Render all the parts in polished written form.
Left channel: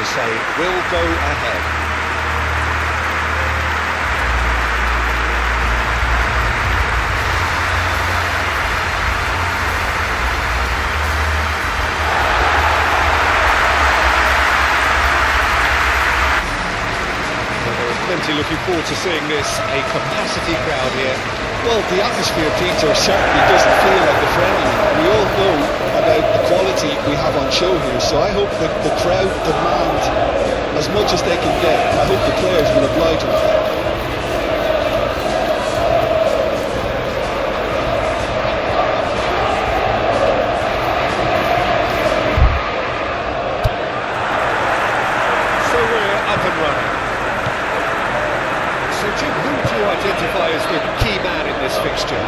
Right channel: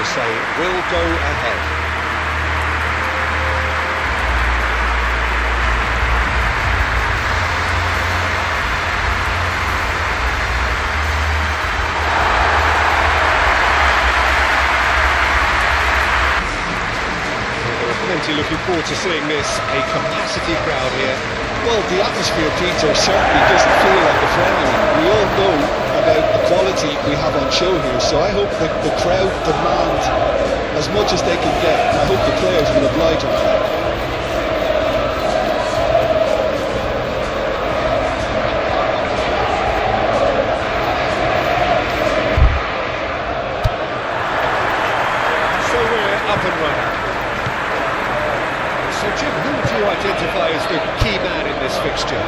They say will go ahead. There are plenty looking forward to seeing this, a capacity crowd here. Well, the atmosphere, Peter, certainly doesn't feel like a friendly. We all know about the quality we have on show here, so I hope that the crowd demand as much as they can get. I hope the players will oblige them. So we're up and running. So Jim, who would you identify as the key man in this fixture?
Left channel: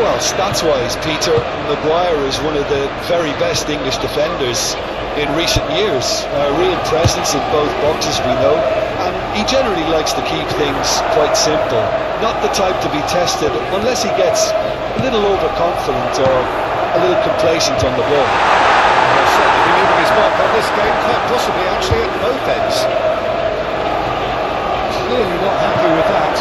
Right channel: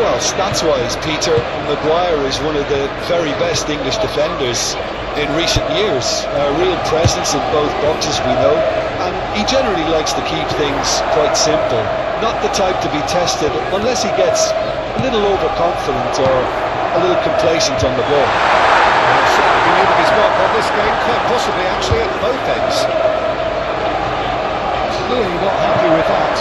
Well, stats-wise, Peter, Maguire is one of the very best English defenders in recent years. A real presence in both boxes, we know, and he generally likes to keep things quite simple. Not the type to be tested unless he gets a little overconfident or a little complacent on the ball. He'll certainly be leaving his mark on this game, quite possibly actually at both ends. Clearly not happy with that.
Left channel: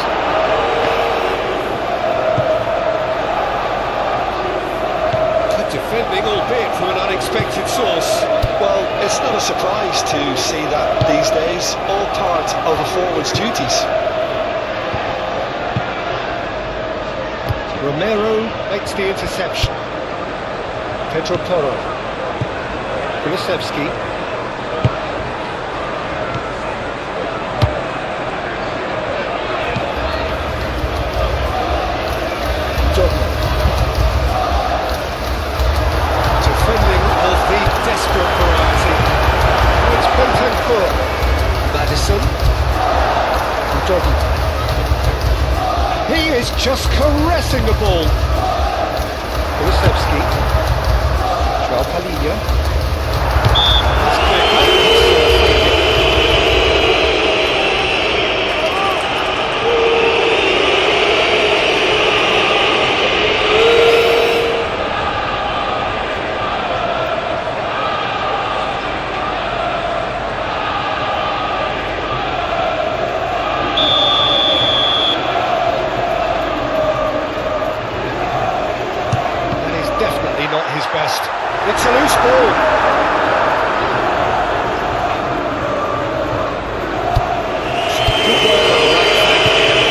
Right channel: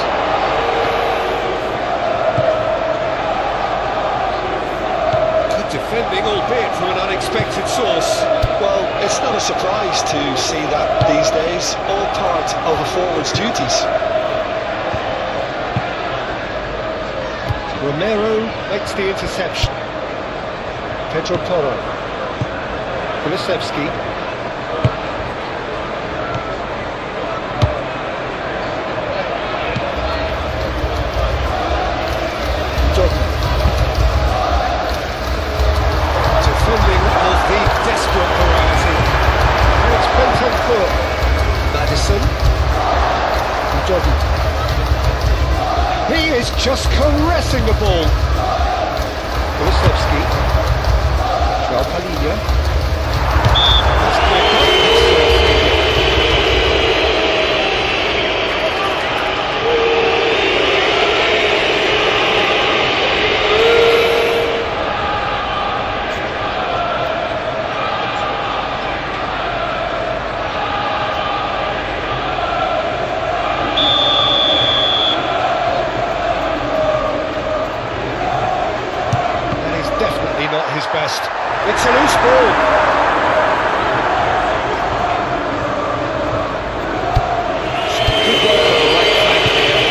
Good defending, albeit from an unexpected source. Well, it's not a surprise to see that these days, all part of a forward's duties. Romero makes the interception. Pedro Porro. Kulusevski. Defending of the desperate variety. Oh, it's Bentancur. Maddison. Udogie. He is just caressing the ball. Kulusevski. João Palhinha. That's clear cut. It's free kick. Definitely not his best. It's a loose ball. Good work on the right flank here.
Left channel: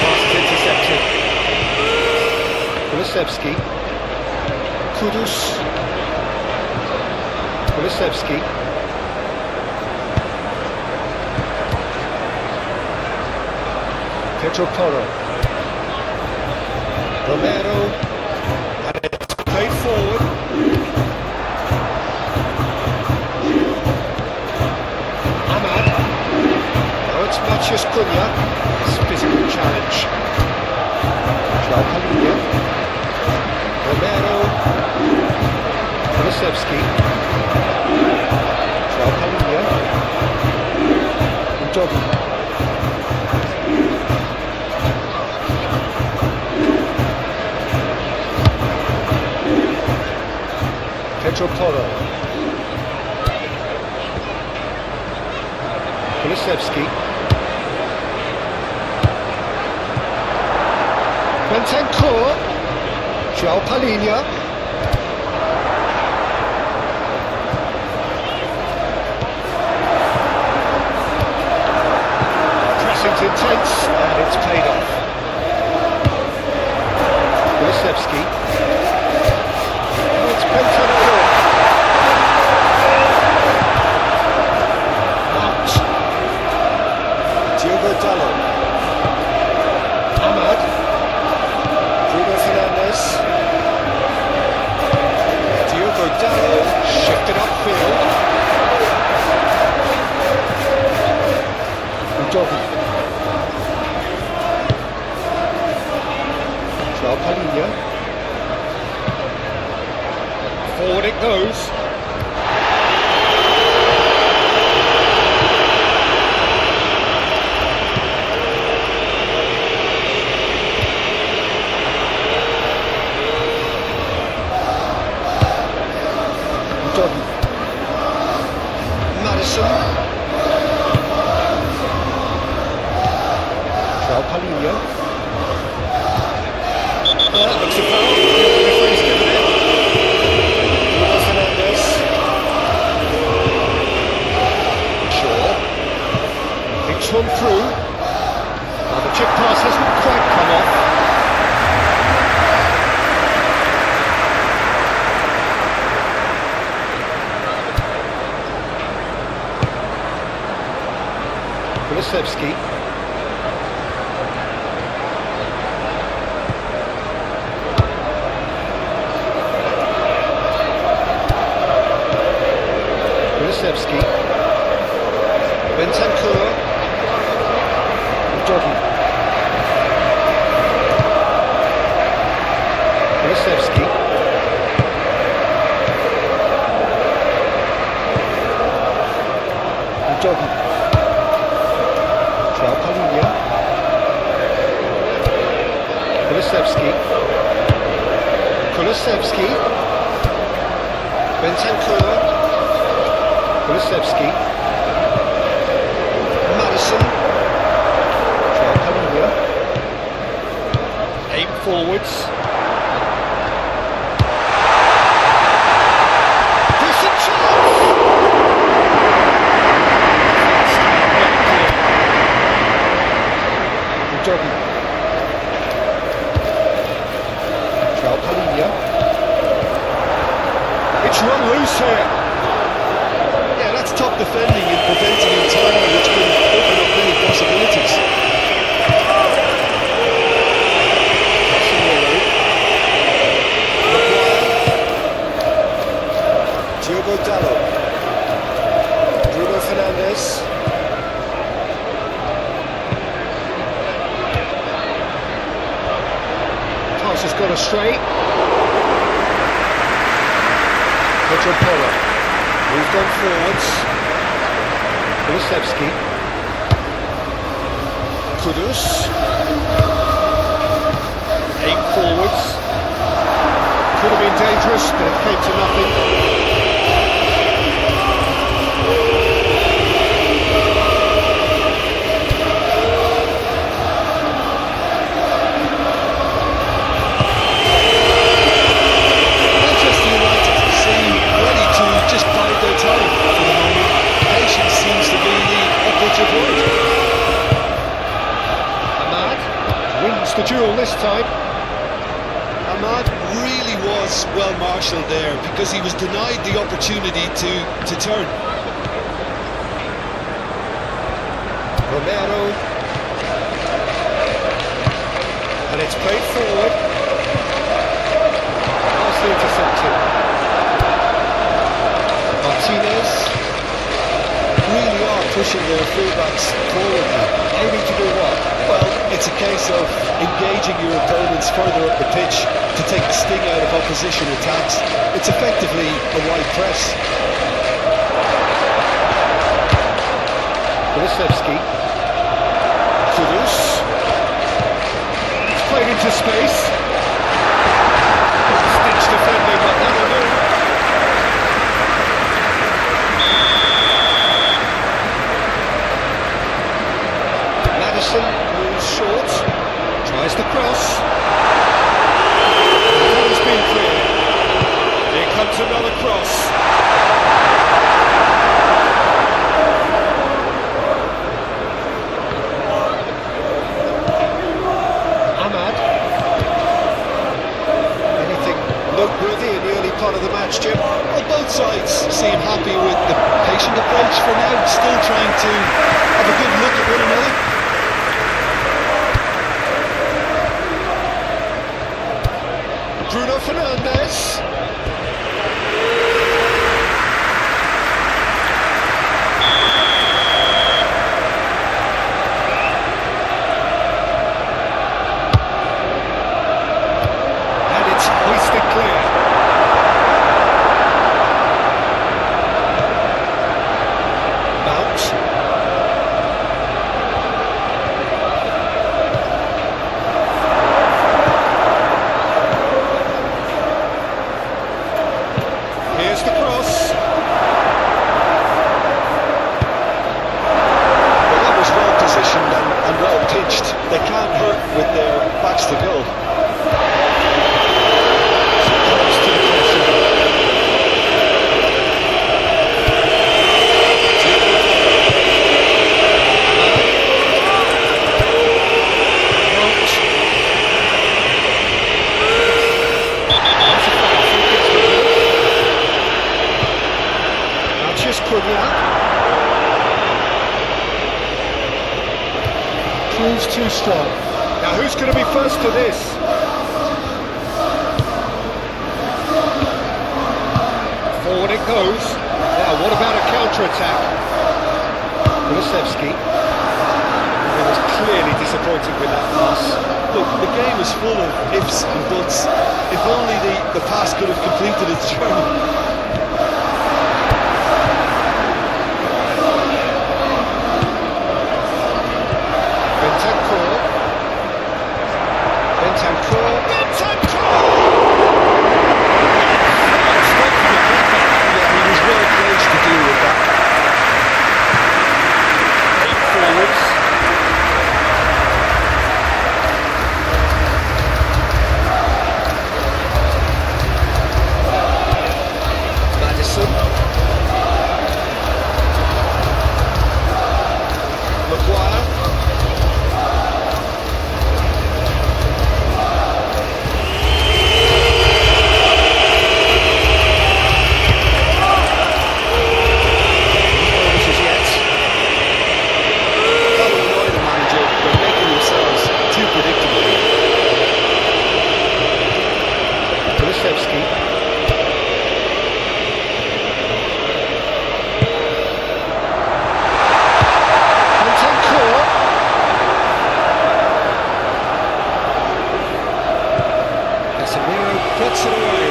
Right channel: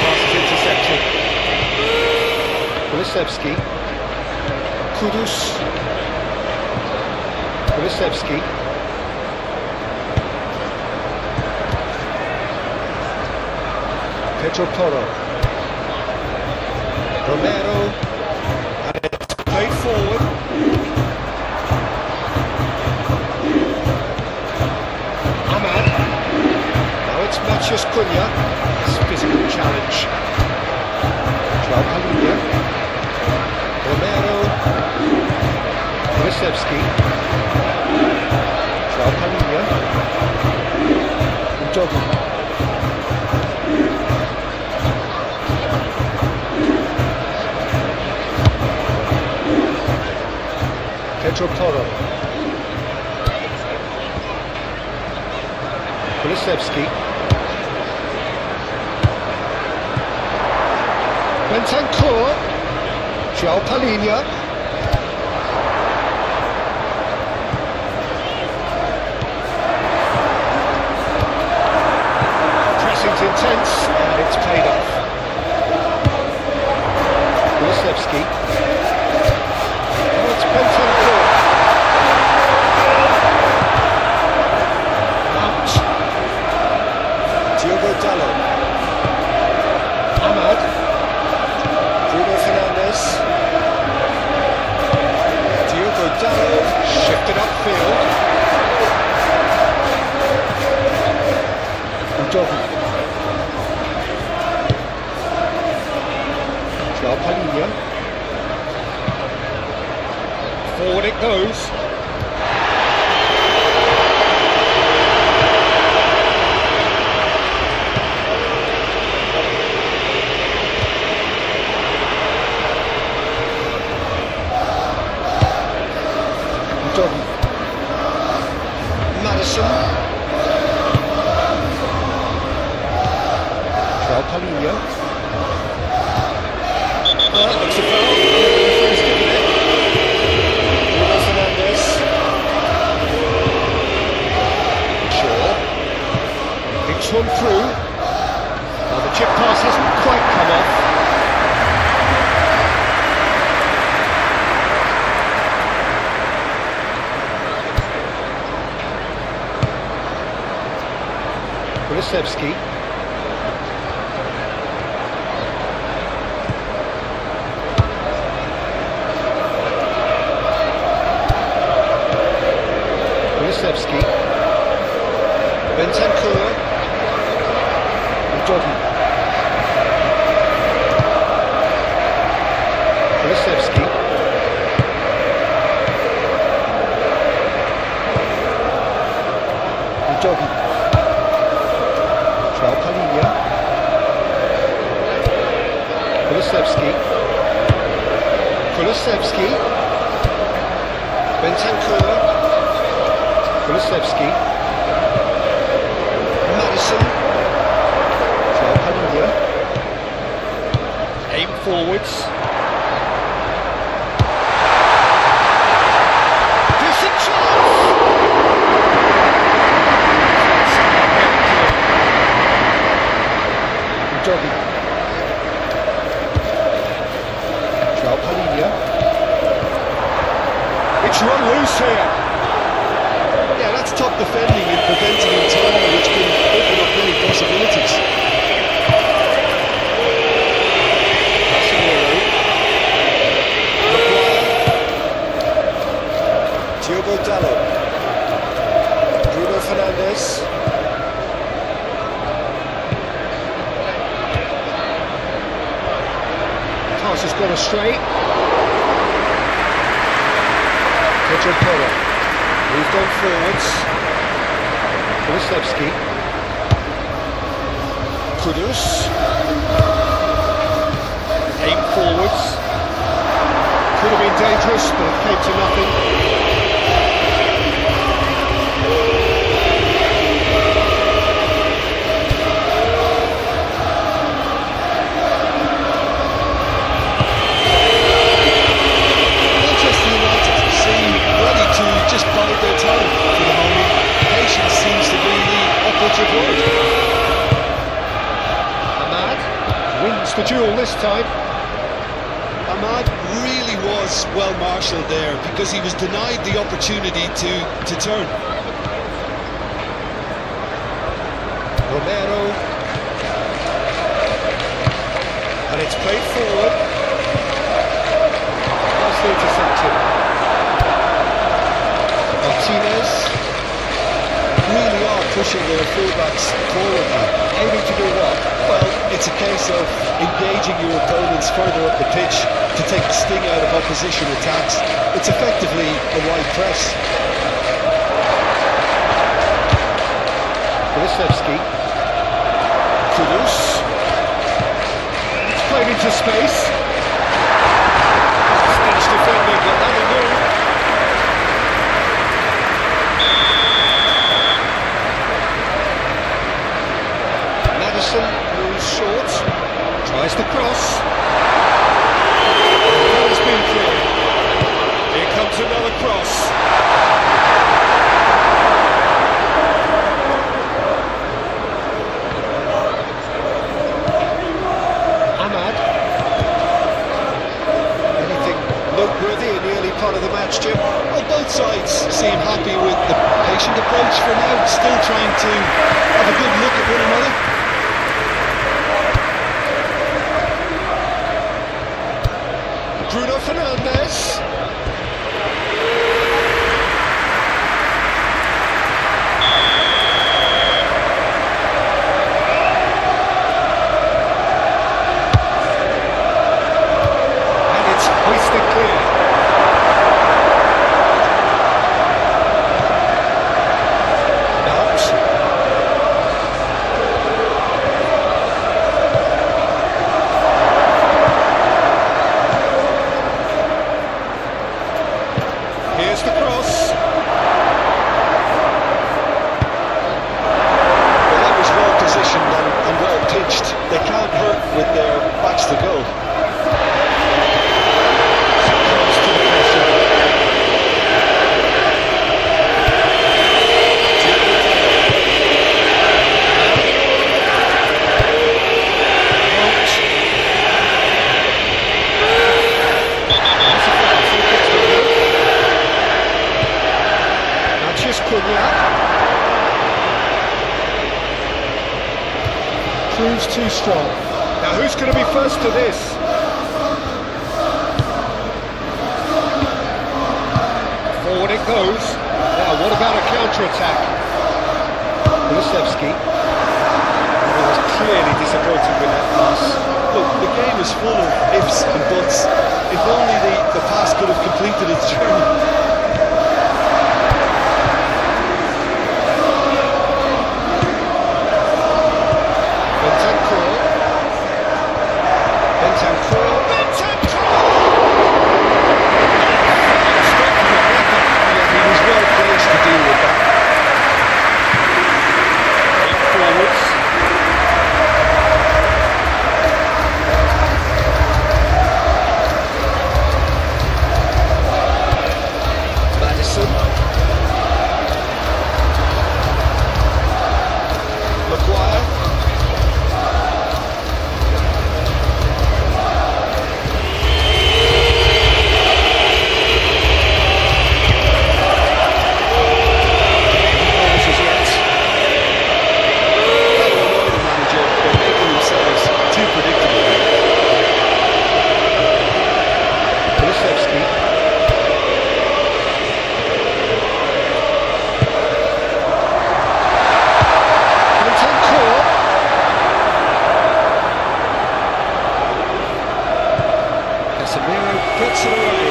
Pass is intercepted. Kulusevski. Kudus. Kulusevski. Pedro Porro. Romero. And it's played forward. Ahmad. Now it's Matheus Cunha. It's a physical challenge. João Palhinha. Romero. Kulusevski. João Palhinha. Udogie. Pedro Porro. Kulusevski. Bentancur. João Palhinha. Pressing's intense and it's paid off. Kulusevski. Now it's Bentancur. Out. Diogo Dalot. Ahmad. Bruno Fernandes. Diogo Dalot shifted upfield. Udogie. João Palhinha. Forward it goes. Doggy. Madison. Joao Palhinha. That looks a foul. Yeah, the referee's given it. Bruno Fernandes. Shaw. Picks one through. Now the chip pass hasn't quite come off. Kulusevski. Kulusevski. Bentancur. Doggy. Kulusevski. Doggy. Joao Palhinha. Kulusevski. Kulusevski. Bentancur. Kulusevski. Madison. Joao Palhinha. Aim forwards. Decent chance! Doggy. Joao Palhinha. It's run loose here. Yeah, that's top defending and preventing him timing, which can open up many possibilities. Casemiro. Maguire. Diogo Dalot. Bruno Fernandes. Pass has gone astray. Pedro Porro. Moved on forwards. Kulusevski. Kudus. Aim forwards. Could have been dangerous, but it came to nothing. Manchester United seem ready to just bide their time for the moment. Patience seems to be the operative word. Ahmad wins the duel this time. Ahmad really was well marshalled there because he was denied the opportunity to turn. Romero. And it's played forward. Nicely intercepted. Martinez. Really are pushing their fullbacks forward now. Aiming to do what? Well, it's a case of engaging your opponents further up the pitch to take the sting out of opposition attacks. It's effectively a wide press. Kulusevski. Kudus. It's played into space. Stitch defending, but that'll do. Madison moves short. Tries the cross. That has been cleared. Here comes another cross. Ahmad. Anything noteworthy in the early part of the match, Jim? Well, both sides seem happy with the patient approach for now, still trying to have a good look at one another. Bruno Fernandes. And it's hoisted clear. Mount. Here's the cross. pitched, they can't hurt with their backs to goal. Succumbs to the pressure. Proves too strong. Now who's going to be first to this? Forward it goes. Now what about a counter-attack? Kulusevski. He was clearly disappointed with that pass. Look, the game is full of ifs and buts. If only the pass could have completed its journey. He was well placed to deal with that. Eight forwards. Madison. Maguire. Gets it away.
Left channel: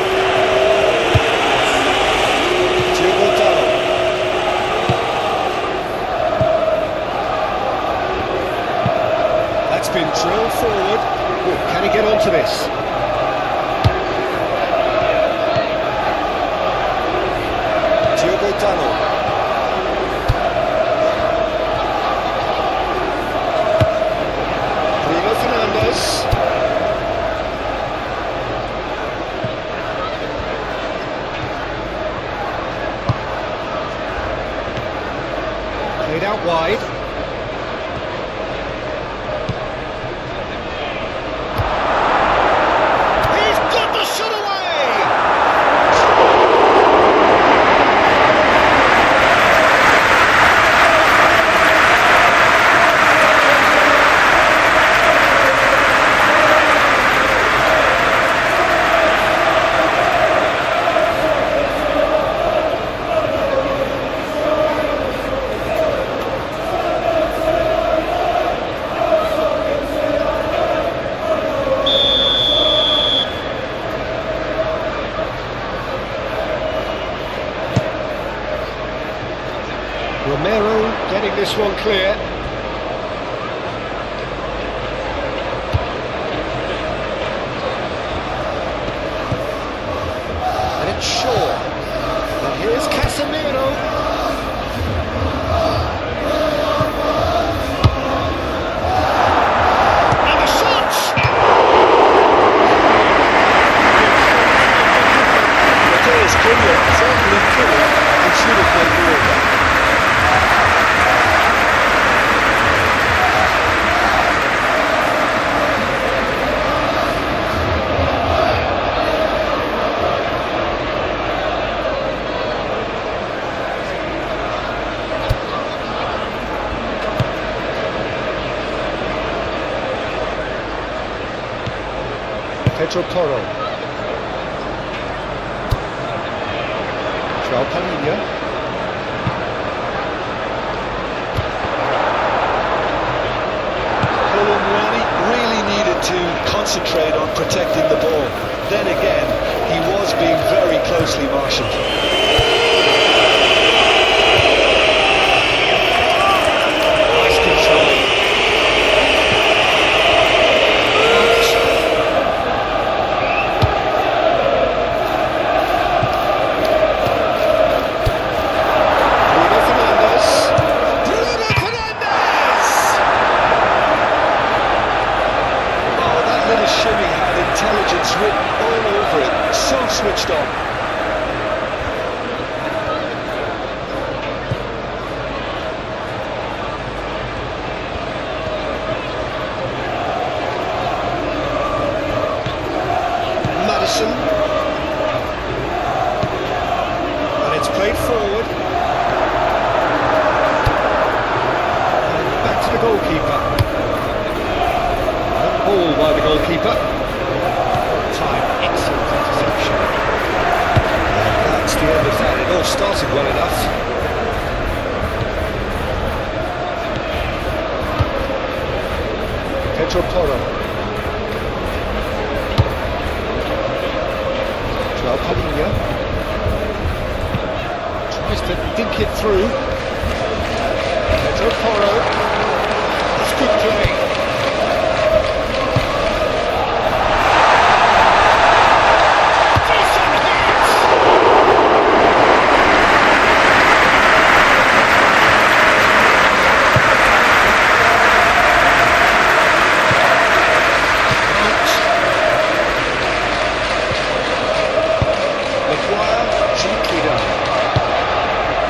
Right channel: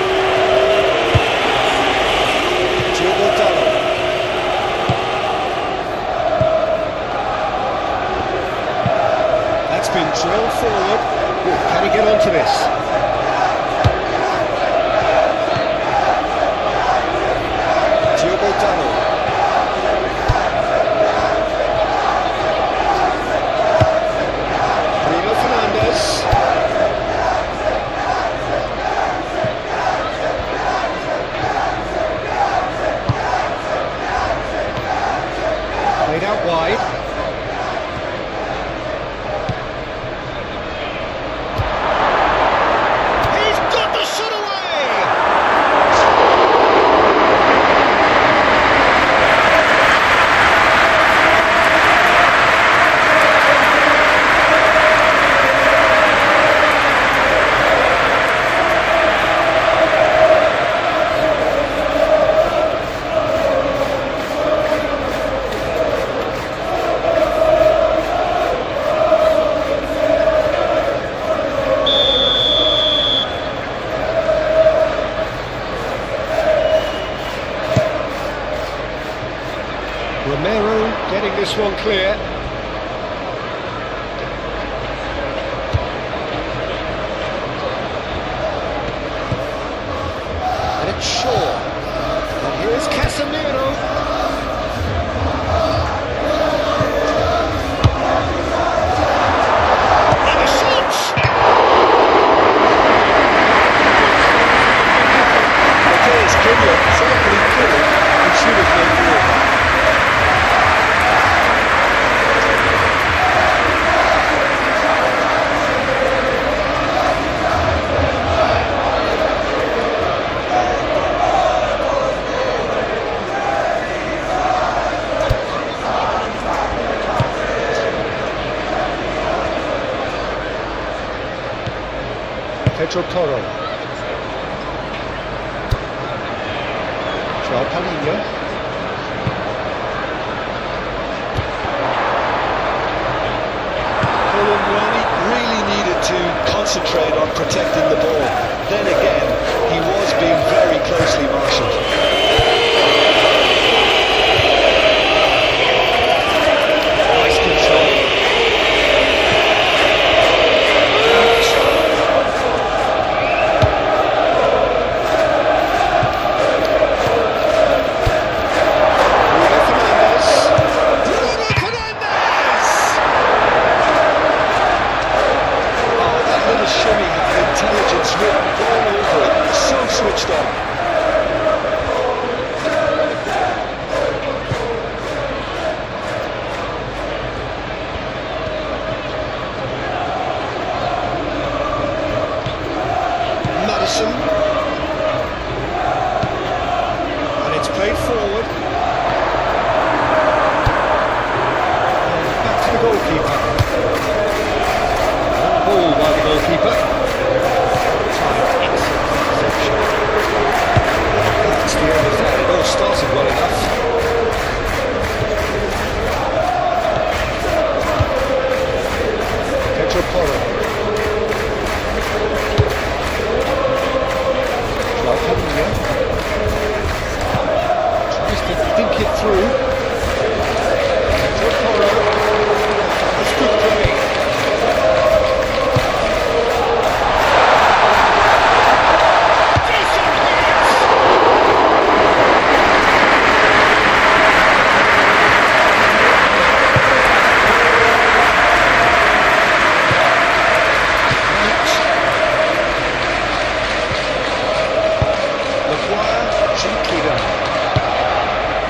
That's been drilled forward. Ooh, can he get onto this? Diogo Dalot. Bruno Fernandes. Played out wide. He's got the shot away! Romero getting this one clear. And it's Shaw. And here's Casemiro. And the shot! Mateus Cunha certainly could have and should have made more of that. Pedro Porro. Joao Palhinha. Colomwani really needed to concentrate on protecting the ball. Then again, he was being very closely marshalled. Nice control. the end of that. It all started well enough. Pedro Porro. Joao Padilha. Tries to think it through. Pedro Porro. That's good play.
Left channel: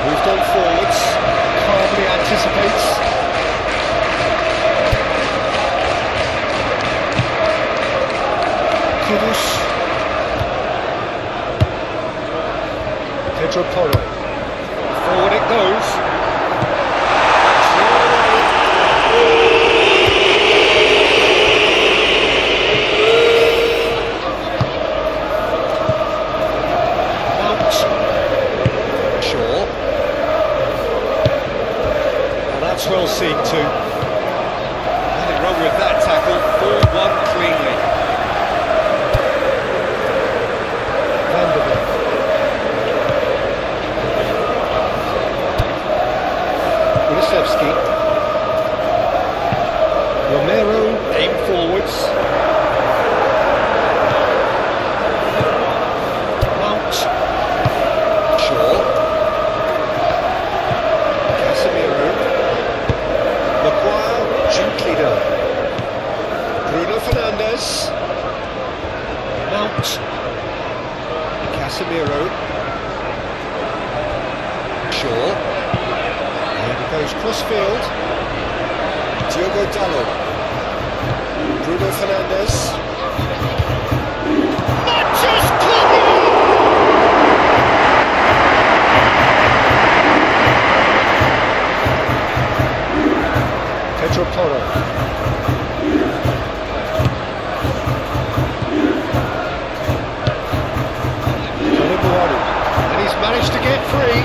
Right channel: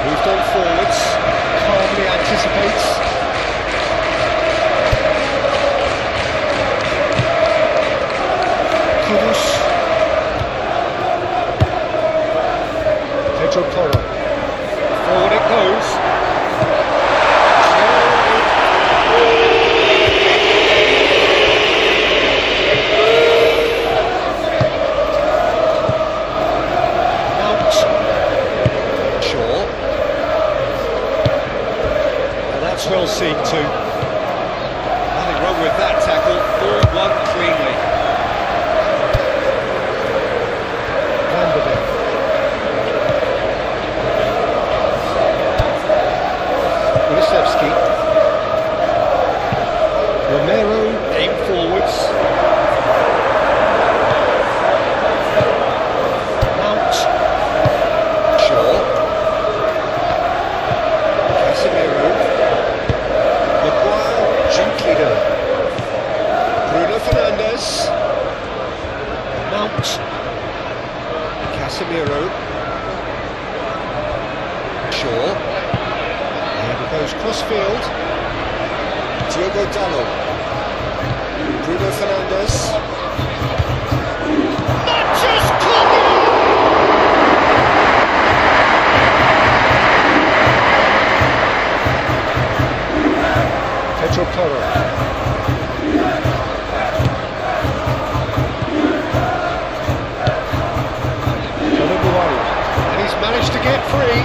Moved on forwards, calmly anticipates. Kudus. Pedro Porro. Forward it goes. That's well seen too. Nothing wrong with that tackle. Ball won cleanly. Van der Beek. Kulusevski. Romero aim forwards. Mount. Shaw. Casemiro. Maguire, gently done. Bruno Fernandes. Mount. Casemiro. Shaw. And it goes cross-field. Diogo Dalot. Bruno Fernandes. That just Pedro Porro. And he's managed to get free.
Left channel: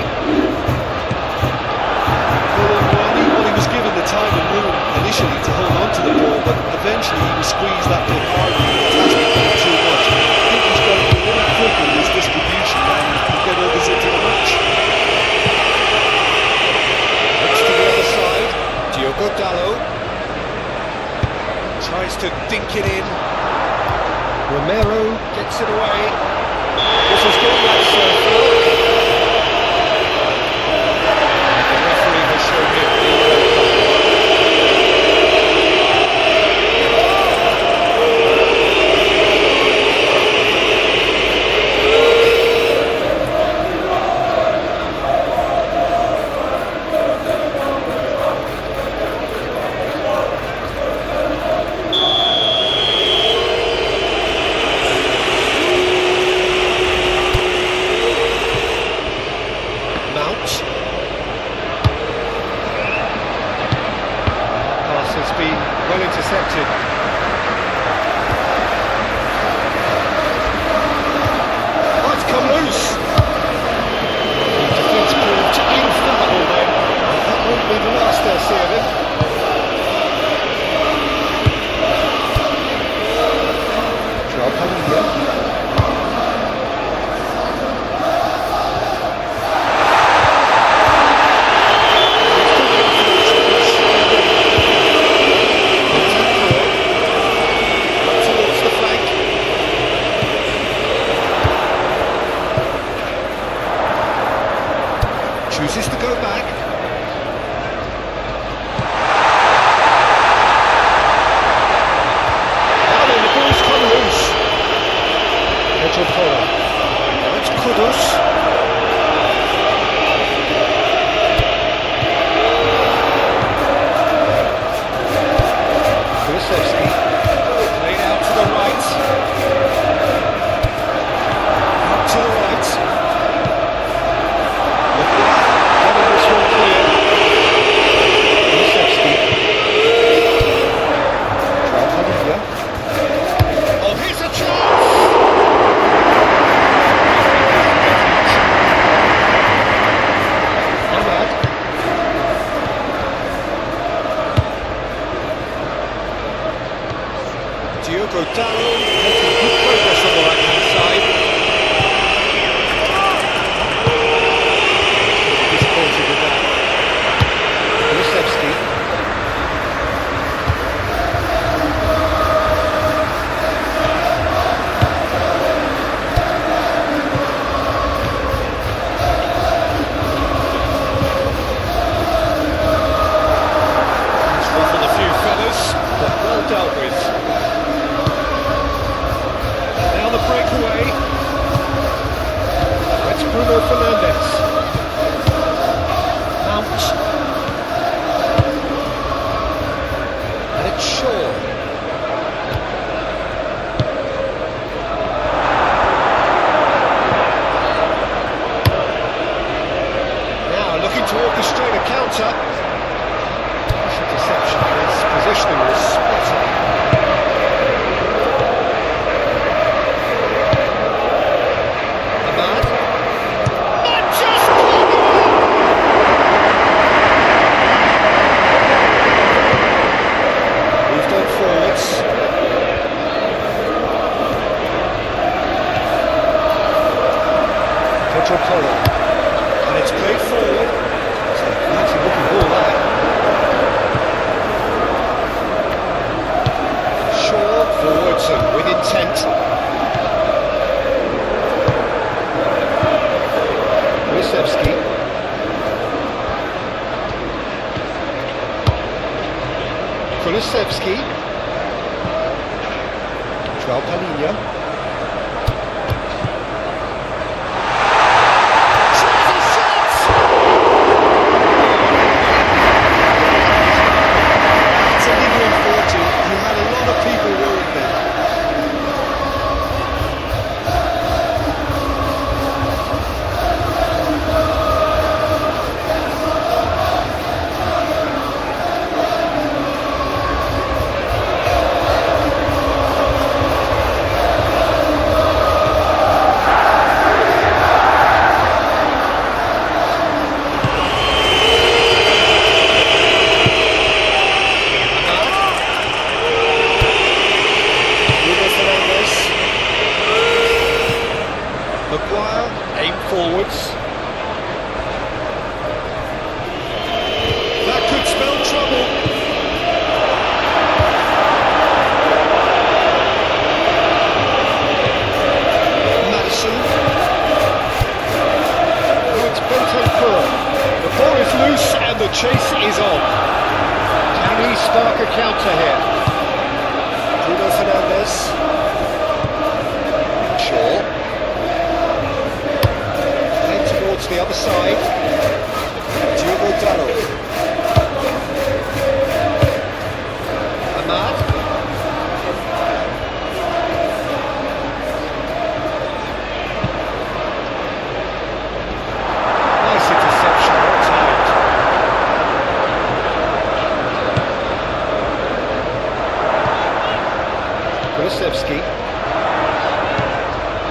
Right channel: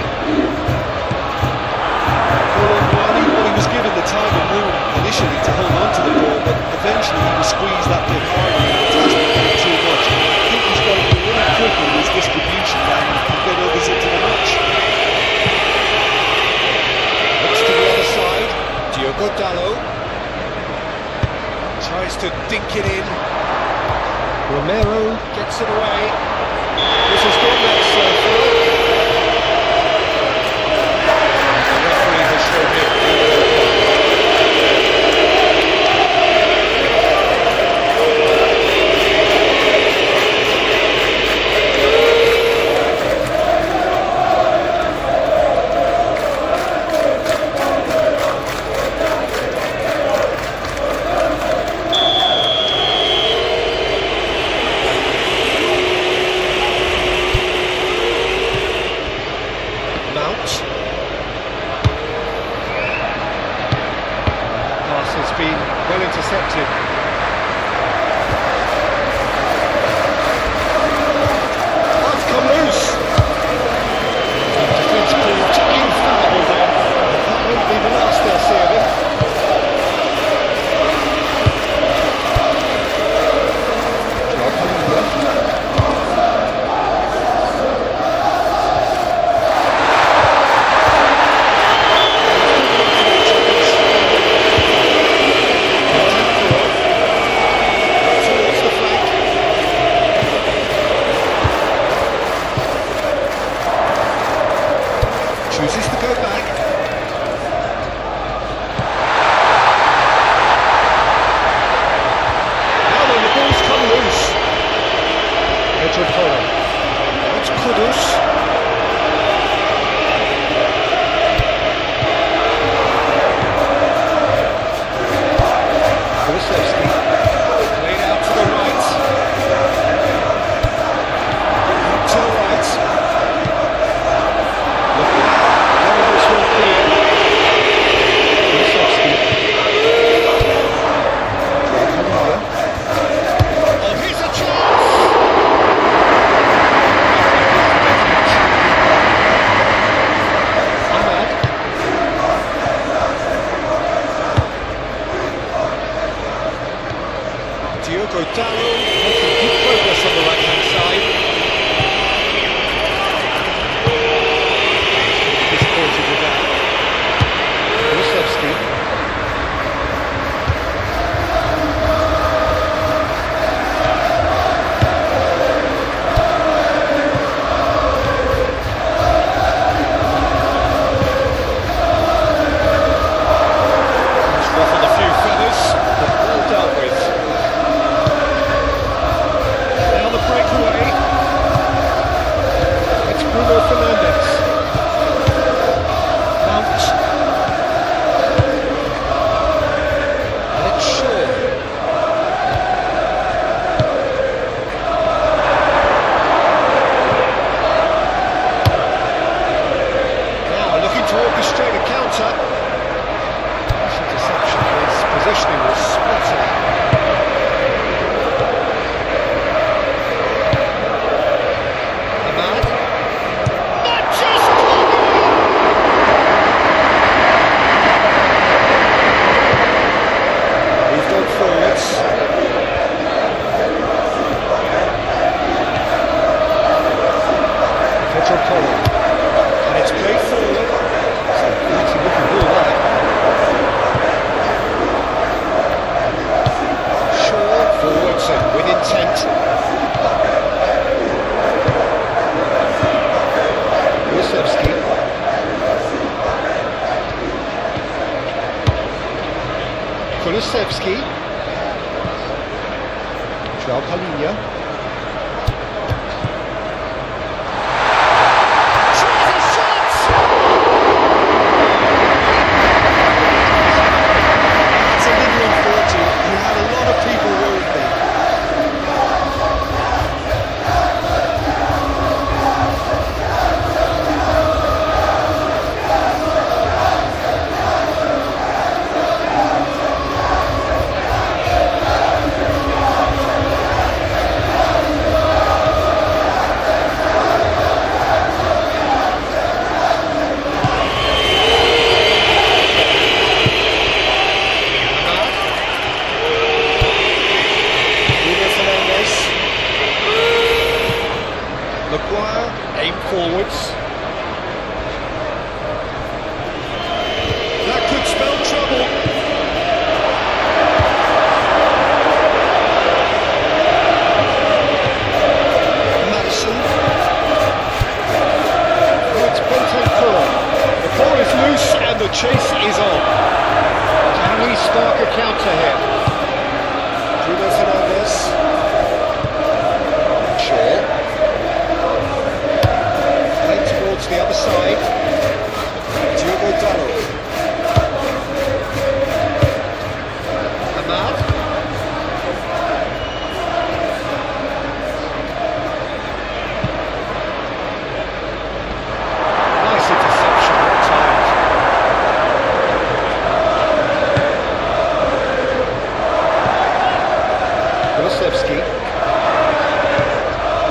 Well, he was given the time and room initially to hold on to the ball, but eventually he was squeezed that bit harder and the task became too much. I think he's got to be a little quicker in his distribution and get others into the match. Looks to the other side. Diogo Dalot tries to dink it in. Romero gets it away. This has gone, that's foul. The referee has shown him a yellow card. Has been well intercepted. Oh, it's come loose. The defence proved infallible then. That won't be the last they'll see of him. Joao Padilha. Chooses to go back. Now then, the ball's come loose. Pedro Porro. Now it's Kudus. Kulusevski. Played out to the right. Out to the right. Getting this one clear. Kulusevski. Joao Padilha. Oh, here's a chance! Bruno Fernandes. Mount. And it's Shaw. Now looking to orchestrate a counter. This interception, his positioning was spot on. And it's played forward. It's a pretty looking ball there. Shaw forwards and with intent. Kulusevski. Kulusevski. João Palhinha. Aim forwards. That could spell trouble. Madison. Oh, it's Bentancur. The ball is loose and the chase is on. Can he spark a counter here? Bruno Fernandes. Shaw. Towards the other side, Diogo Dallo. Ahmad. Nice interception, well timed. Kulusevski.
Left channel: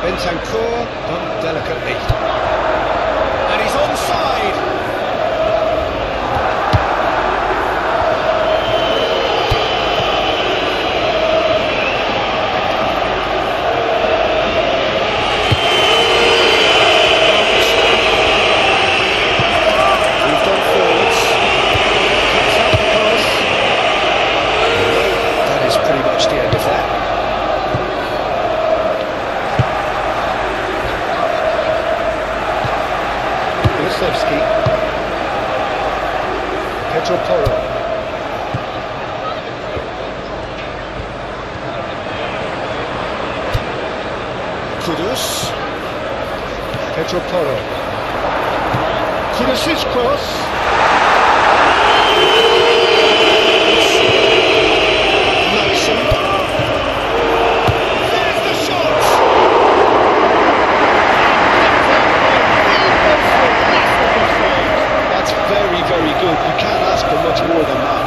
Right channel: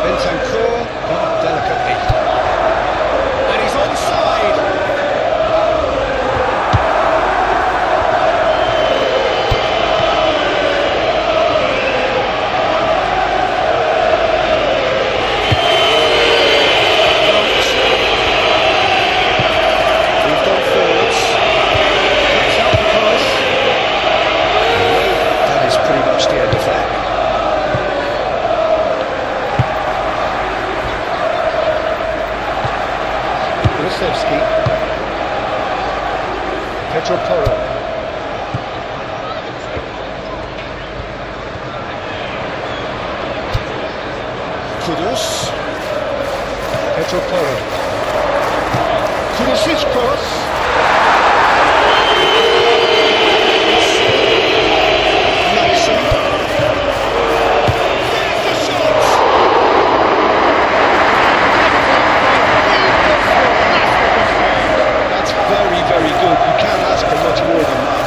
Bentancur, done delicately. And he's onside. Moved on forwards. Cuts out the pass. That is pretty much the end of that. Kulusevski. Pedro Porro. Kudus. Pedro Porro. Kudus' cross. Madison. There's the shot! That's very, very good. You can't ask for much more than that.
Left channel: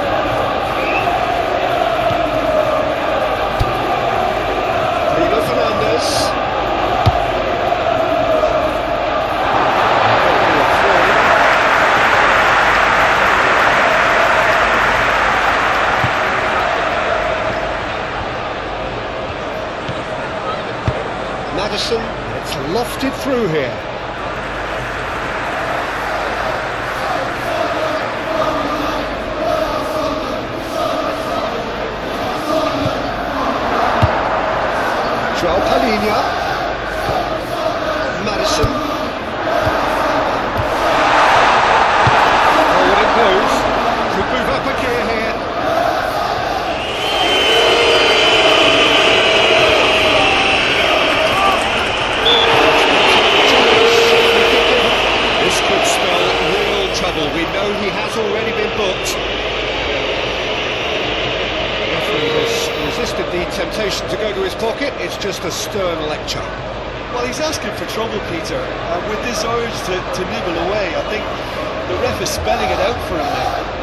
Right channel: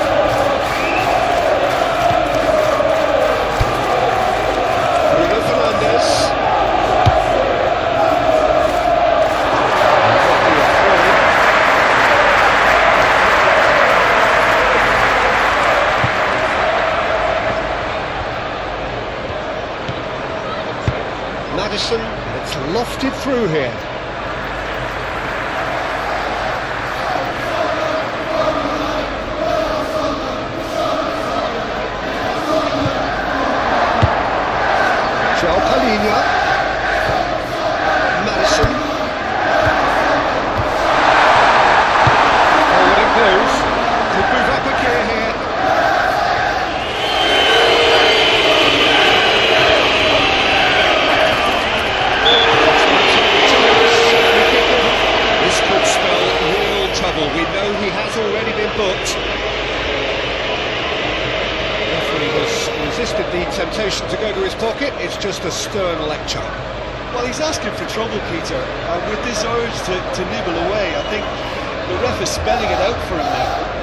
Bruno Fernandes. Could be a throw-in. Madison, and it's lofted through here. João Palhinha. Madison. Forward it goes. Could move up a gear here. resisted the temptation to go to his pocket. It's just a stern lecture. Well, he's asking for trouble, Peter. With this urge to nibble away, I think the ref is spelling it out for him now.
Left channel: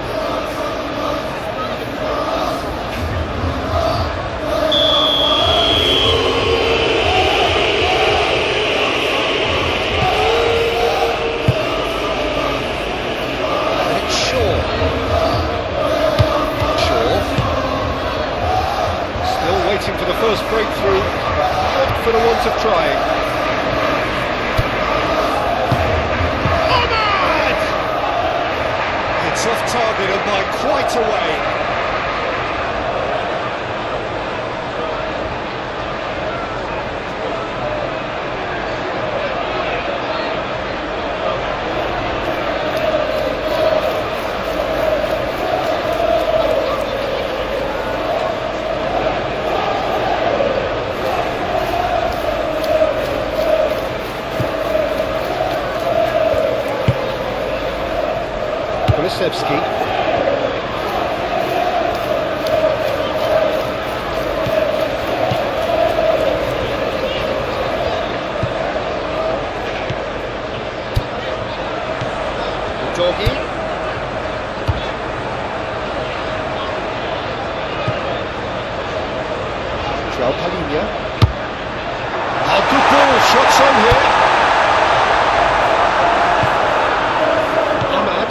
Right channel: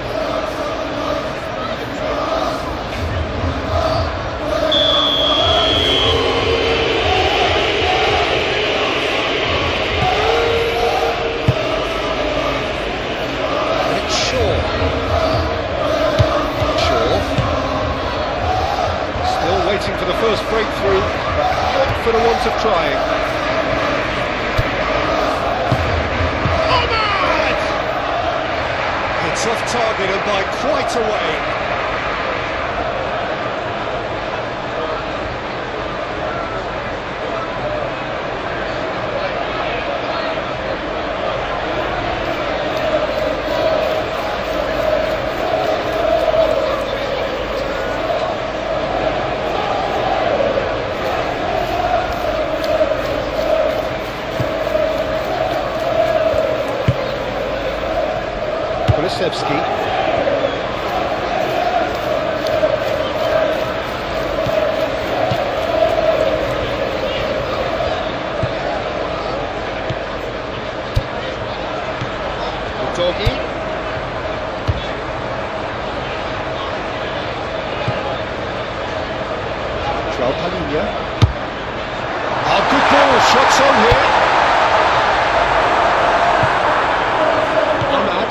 Waiting for the first breakthrough, but not for the want of trying. Ahmad! It's off target and by quite a way. Kulusevski. Doggy. João Palhinha. Oh, good ball, shots on here. Ahmad.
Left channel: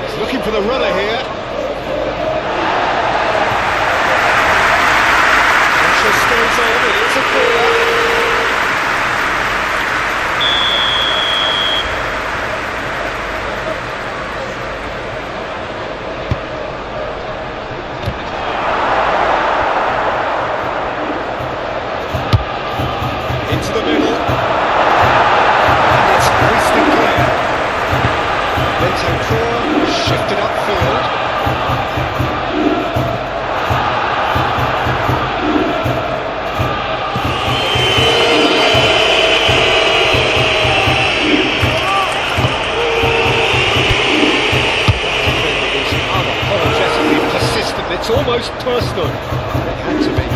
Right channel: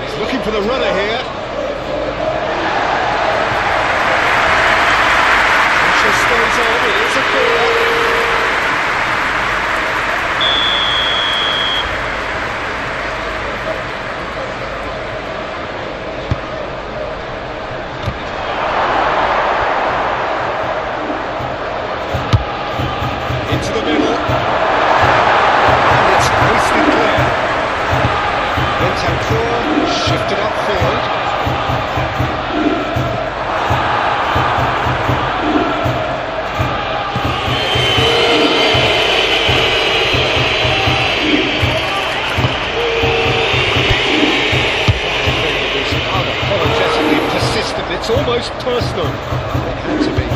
He's looking for the runner here. Pressure stays on, it is a corner. Into the middle. And it's hoisted clear. Bentancur shifted upfield. It's unapologetically persistent. It's almost personal. It had to be.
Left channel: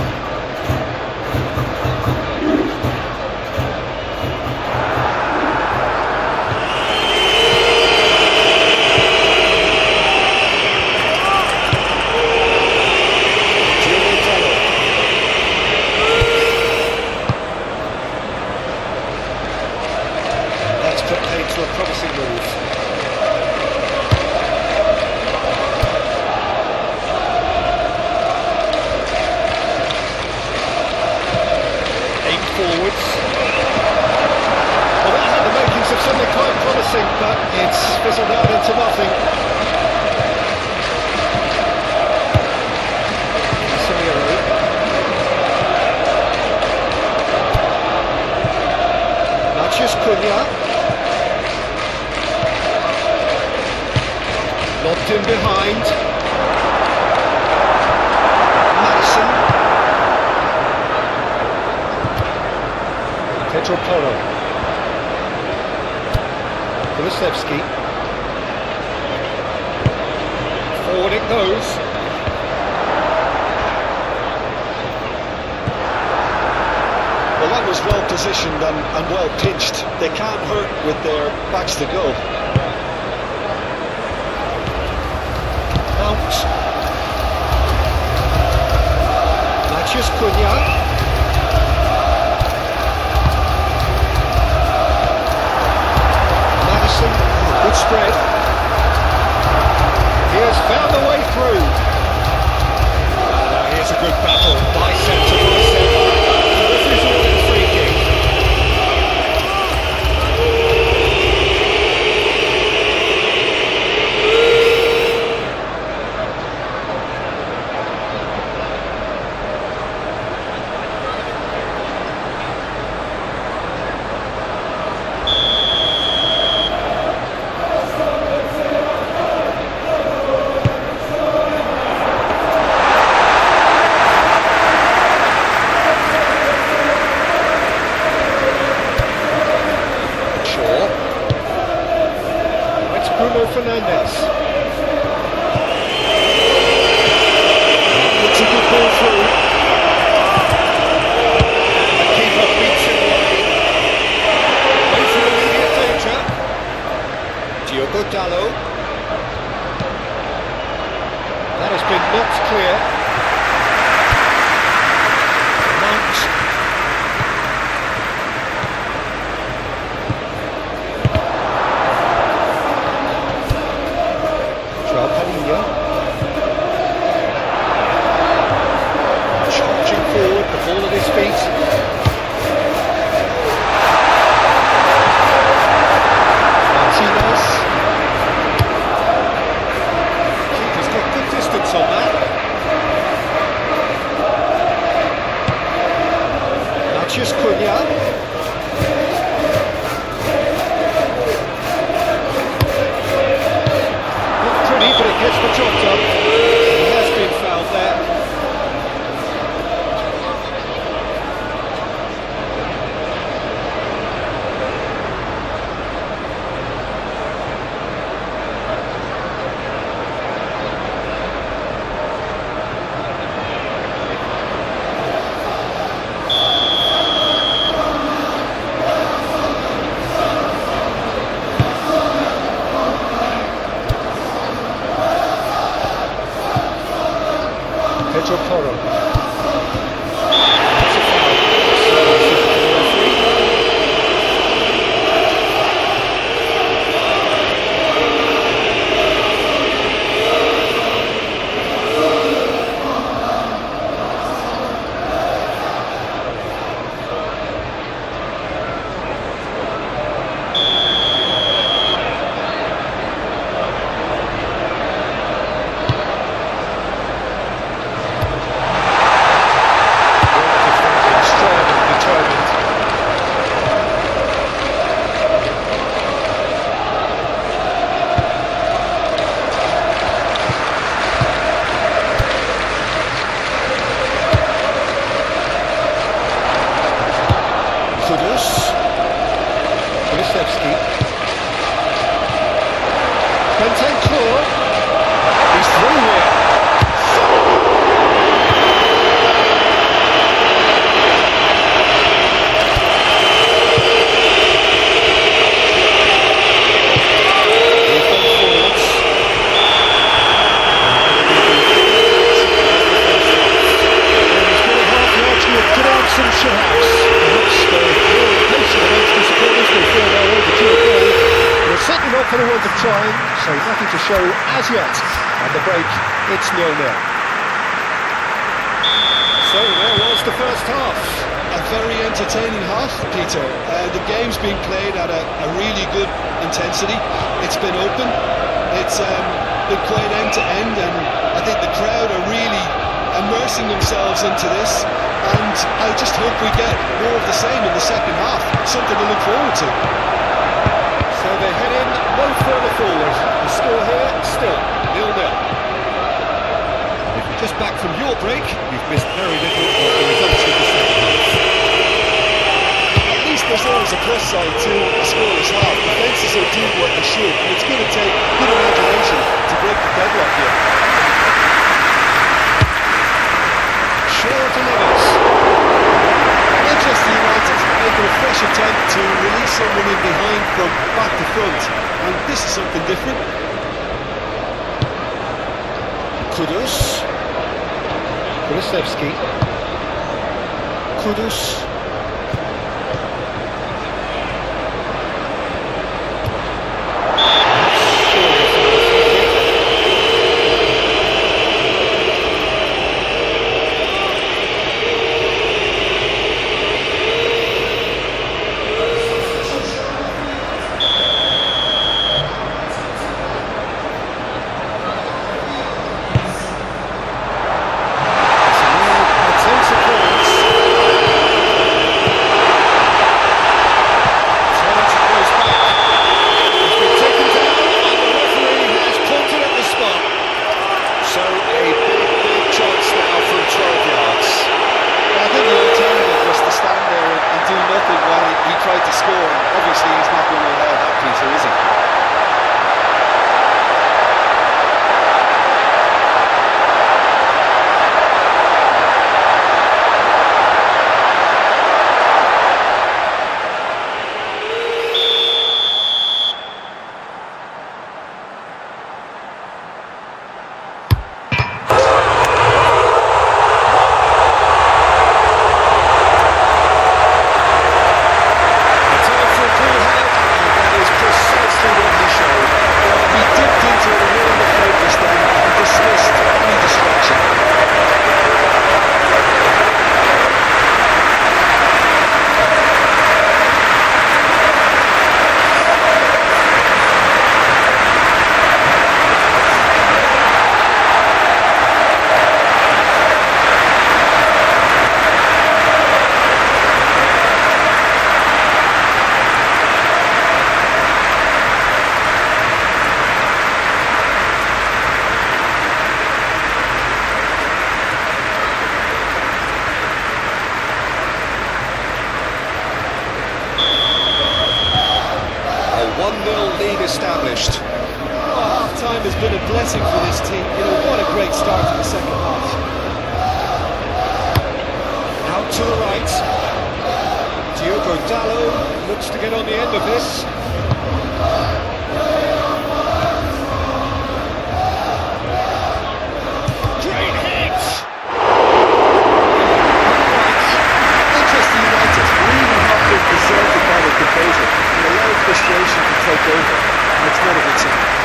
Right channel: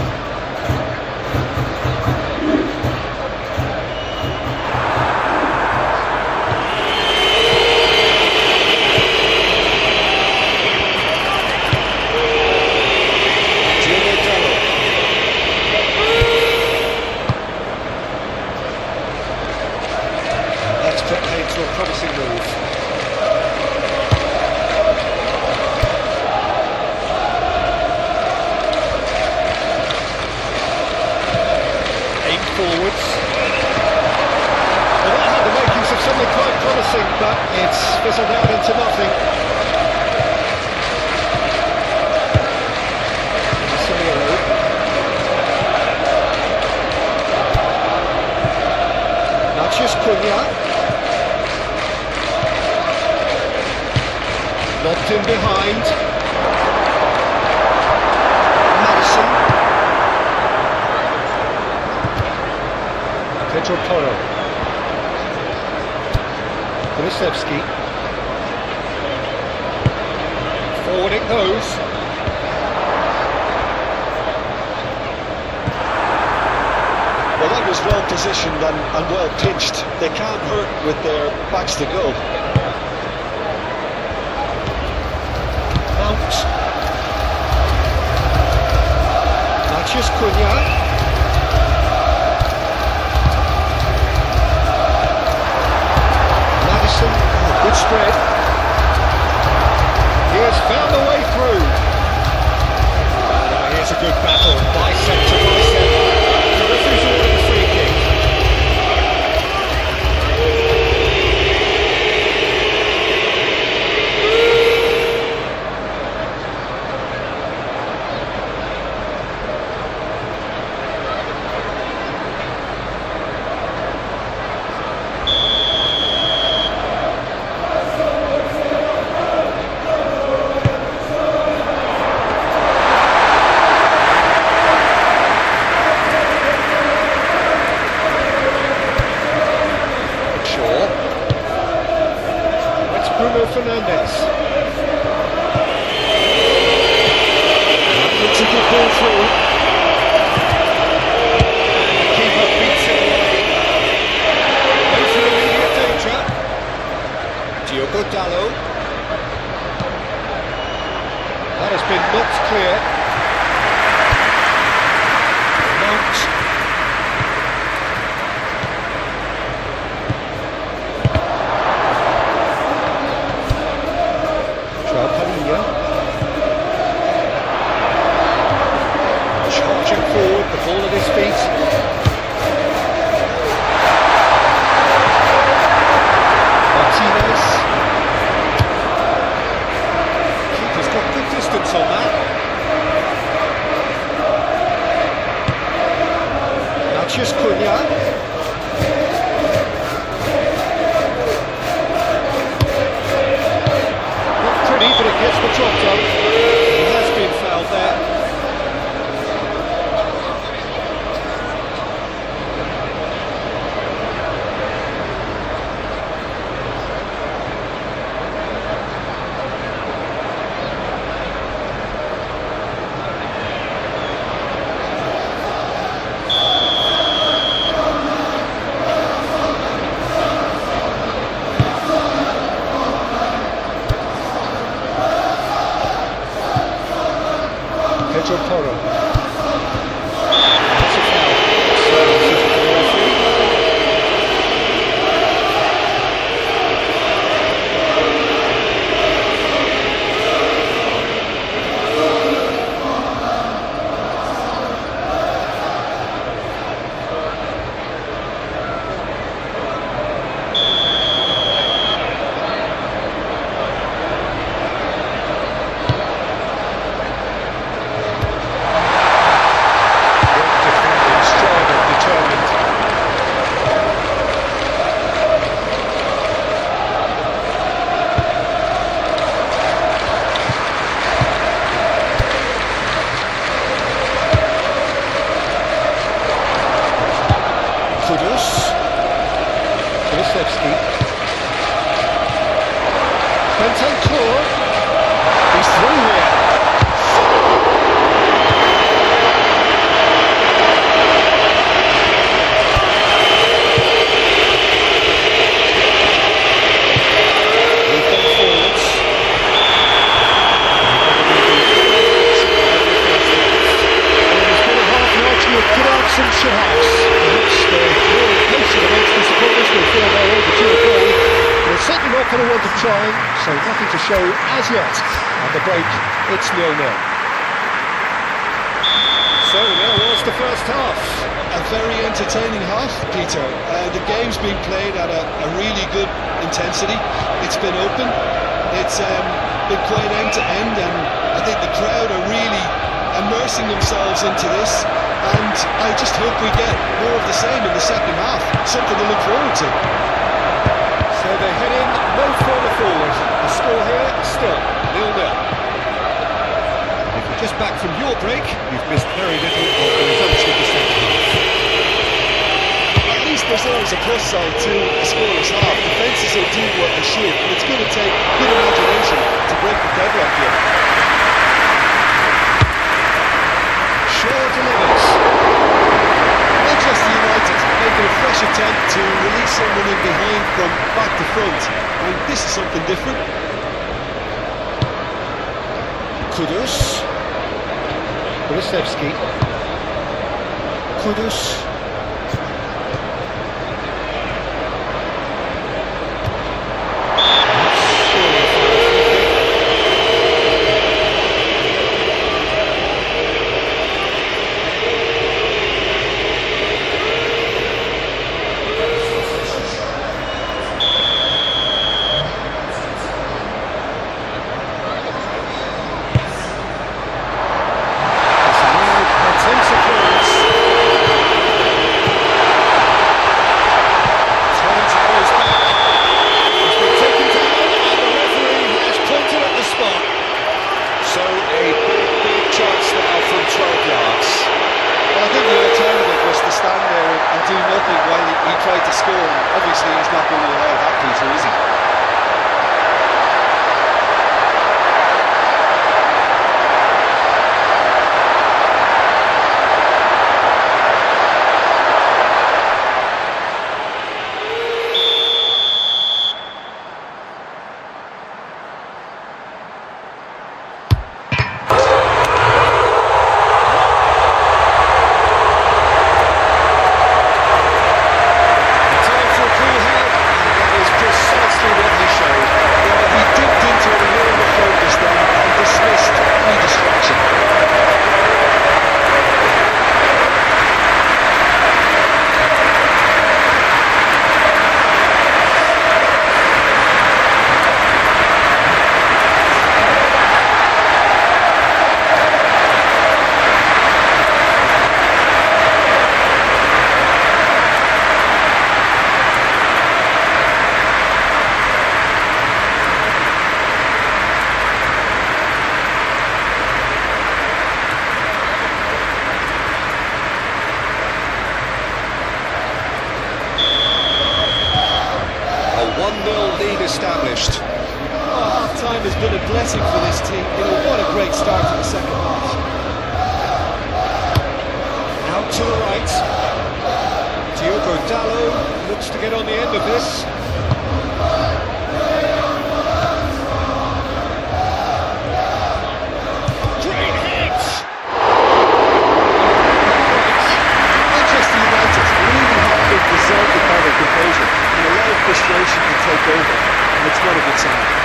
To a promising move. Aim forwards. Well, that had the makings of something quite promising, but it's fizzled out into nothing. Casemiro. Matheus Cunha. Lobbed in behind. Madison. Pedro Porro. Kulusevski. Forward it goes. Well, that was well positioned and well pitched. They can't hurt with their backs to goal. Mount. Matheus Cunha. Madison, good spread. He has found a way through. Now here's a good battle, bicep to bicep. The referee's awarded a free kick. Bruno Fernandes. It's a good ball through. And the keeper beats it away from immediate danger. Diogo Dalot. That has been knocked clear. Mount. Charging forward, the ball at his feet. Martinez. Keeper's got good distance on that. Matheus Cunha. Not pretty, but it gets the job done. He has been fouled there. Pedro Porro. That's a foul. So decision from the referee. Kulusevski. Bentancur. He's through here. We've gone forwards. Well, it's been a half largely of good absence at house. Perhaps they're more impatient amongst the supporters. They feel they're overdue a goal. They're certainly not for the want of trying, so nothing to show as yet. At the break, it's 0-0. So there was the first half. A very entertaining half, Peter. The game's been played at a really good intensity. It's been open. It's been quite end to end, and I think the crowd are really immersing themselves into this. And I just hope we get more of the same in the second half. Something to look forward to. So they head in no further forward. The score here still 0-0. If you're just back from your break, you've missed very little of the resumption of the second half. At least there's always a plus side to a scoreless half. Defences are doing what they should, and it's going to take good imagination to break the deadlock here. Shaw delivers. Manchester United making a fresh attempt to release someone in behind from back to front, and this is something different. Kulusevski. Kudus. That's surely a foul free kick. So a big chance now from 12 yards. Well, I think the alternative was to stand there and do nothing while he tried to score, and obviously he's not going to allow that, Peter, is he? 1-0 lead established. Oh, half-time has been a blessing for this team. You know, what a great start to the second half. Out to the right. Diogo Dalot looks to get on the end of this. Great hit! Upright. Manchester United really have been deserted by their composure and allowed frustration to take over, and it's not a good sign.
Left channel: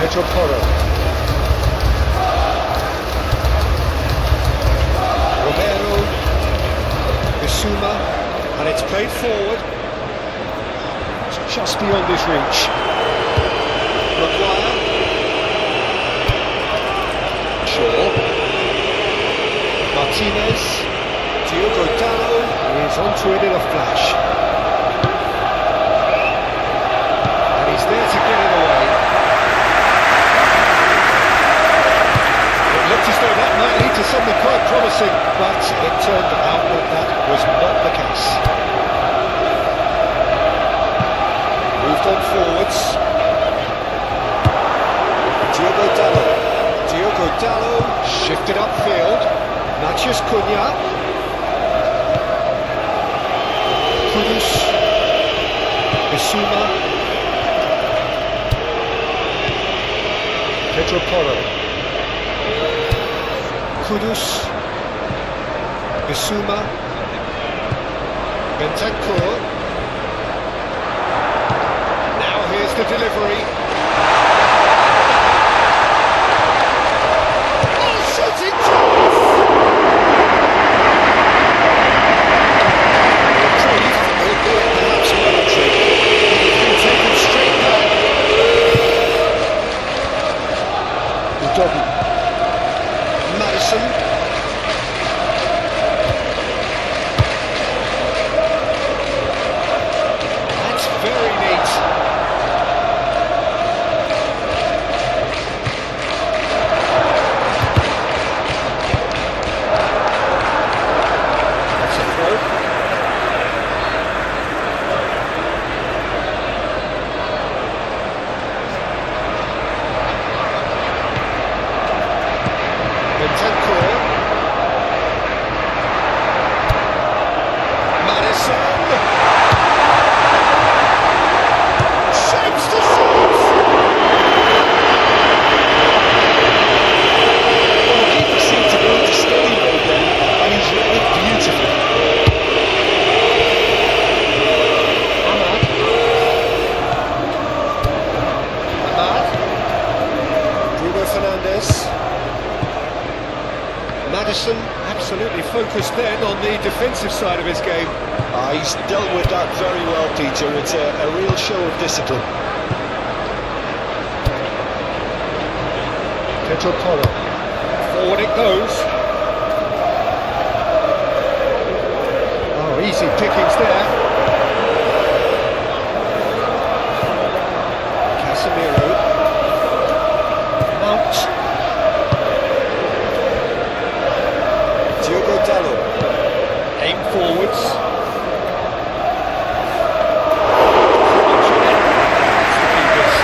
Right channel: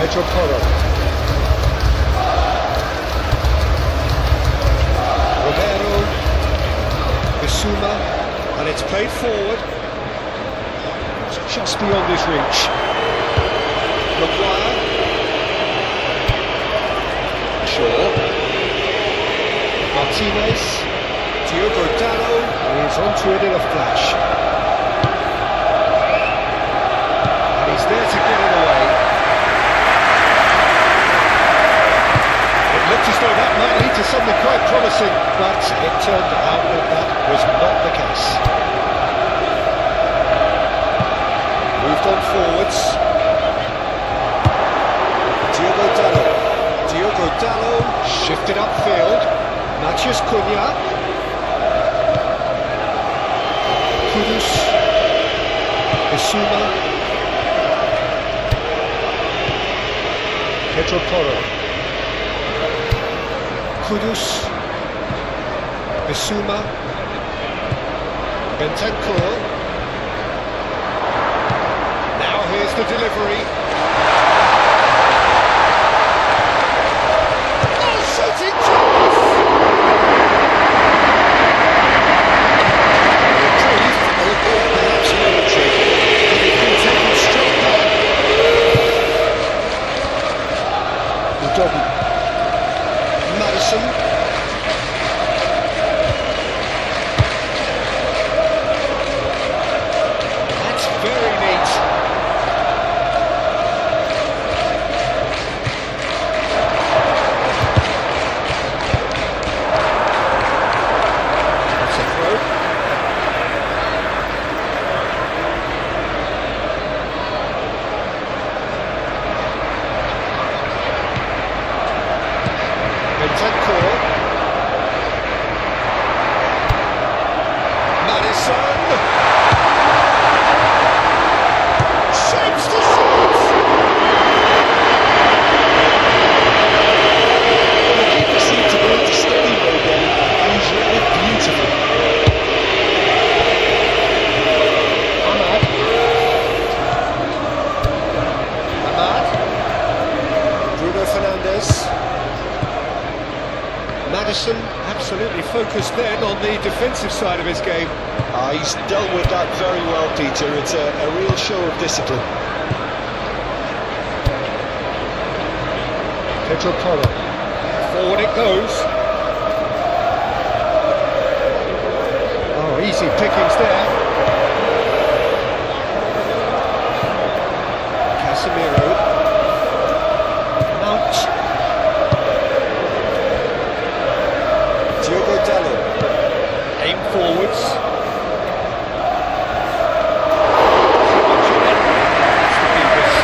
Pedro Porro. Romero. Bissouma. And it's played forward. It's just beyond his reach. Maguire. Shaw. Martinez. Diogo Dalot is onto it in a flash. And he's there to get it away. Looked as though that might lead to something quite promising, but it turned out that that was not the case. Moved on forwards. Diogo Dalot. Diogo Dalot shifted upfield. Matheus Cunha. Kudus. Bissouma. Pedro Porro. Kudus, Bissouma, Bentancur. Now here's the delivery. Oh, shooting chance! Reprieve, albeit perhaps momentary. It's been taken straight back. Udogi. Madison. That's very neat. That's a throw. Bentancur. Madison. Shapes to shoot. Well, the keeper seemed to go into steady mode then, and he's read it beautifully. Ahmad. Bruno Fernandes. Madison absolutely focused then on the defensive side of his game. He's dealt with that very well, Peter. It's a real show of discipline. Pedro Porro. Forward it goes. Oh, easy pickings there. Casemiro. Mount. Diogo Dalot. Aim forwards. Too much on it. That's the keepers.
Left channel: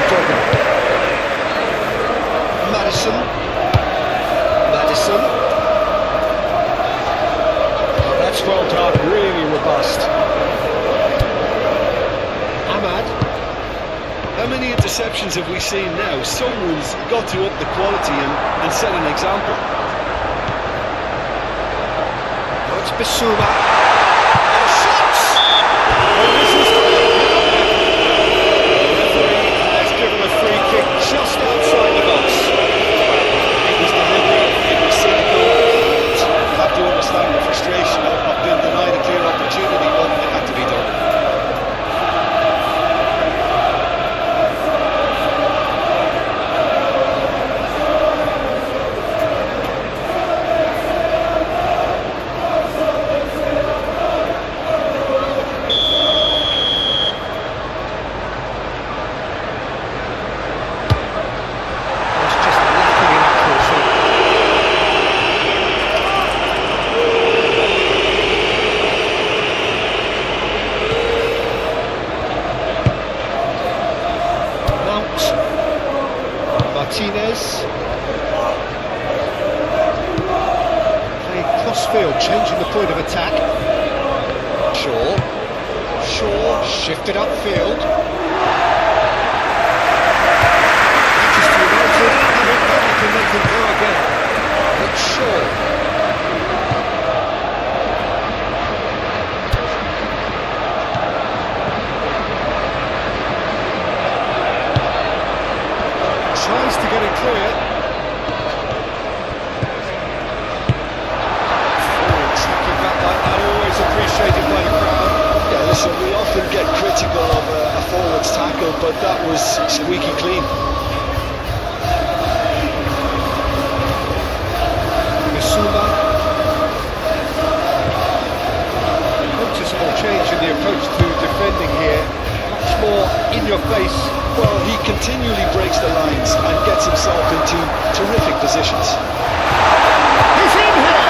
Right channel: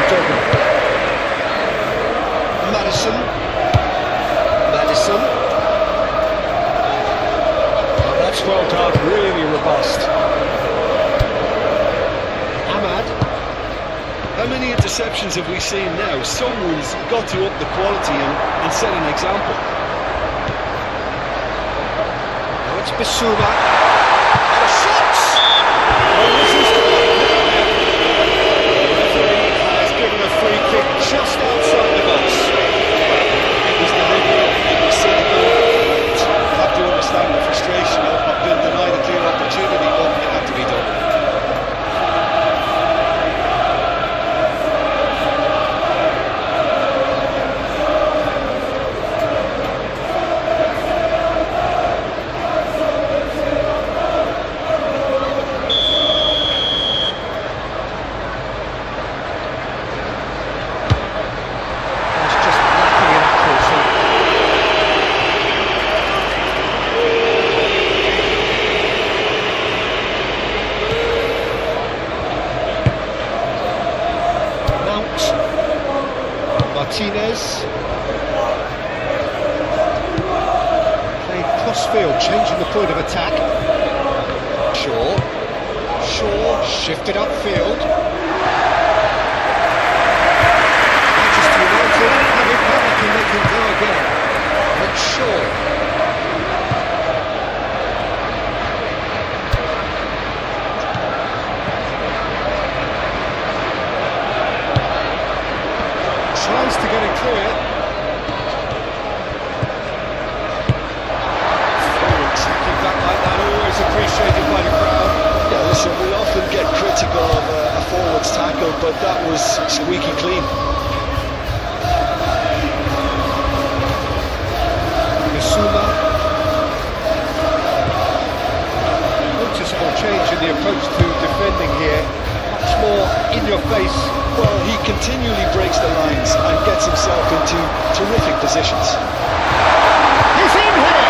Udogi. Madison. Oh, that's well done. Really robust. Ahmad. How many interceptions have we seen now? Someone's got to up the quality and set an example. Now it's Bissouma. And a shot! Oh, this has gone up now then. The referee has given a free kick just outside the box. Well, it was deliberate, it was cynical. You have to understand the frustration of being denied a clear opportunity, but it had to be done. Martinez. Playing cross-field, changing the point of attack. Shaw shifted upfield. Manchester United have it back and they can go again. It's Shaw. Tries to get it clear. Forward tracking back like that, always appreciated by the crowd. Yeah, listen, we often get critical of a forward's tackle, but that was squeaky clean. Bissouma. Noticeable change in the approach to defending here. Much more in your face. Well, he continually breaks the lines and gets himself into terrific positions. He's in here!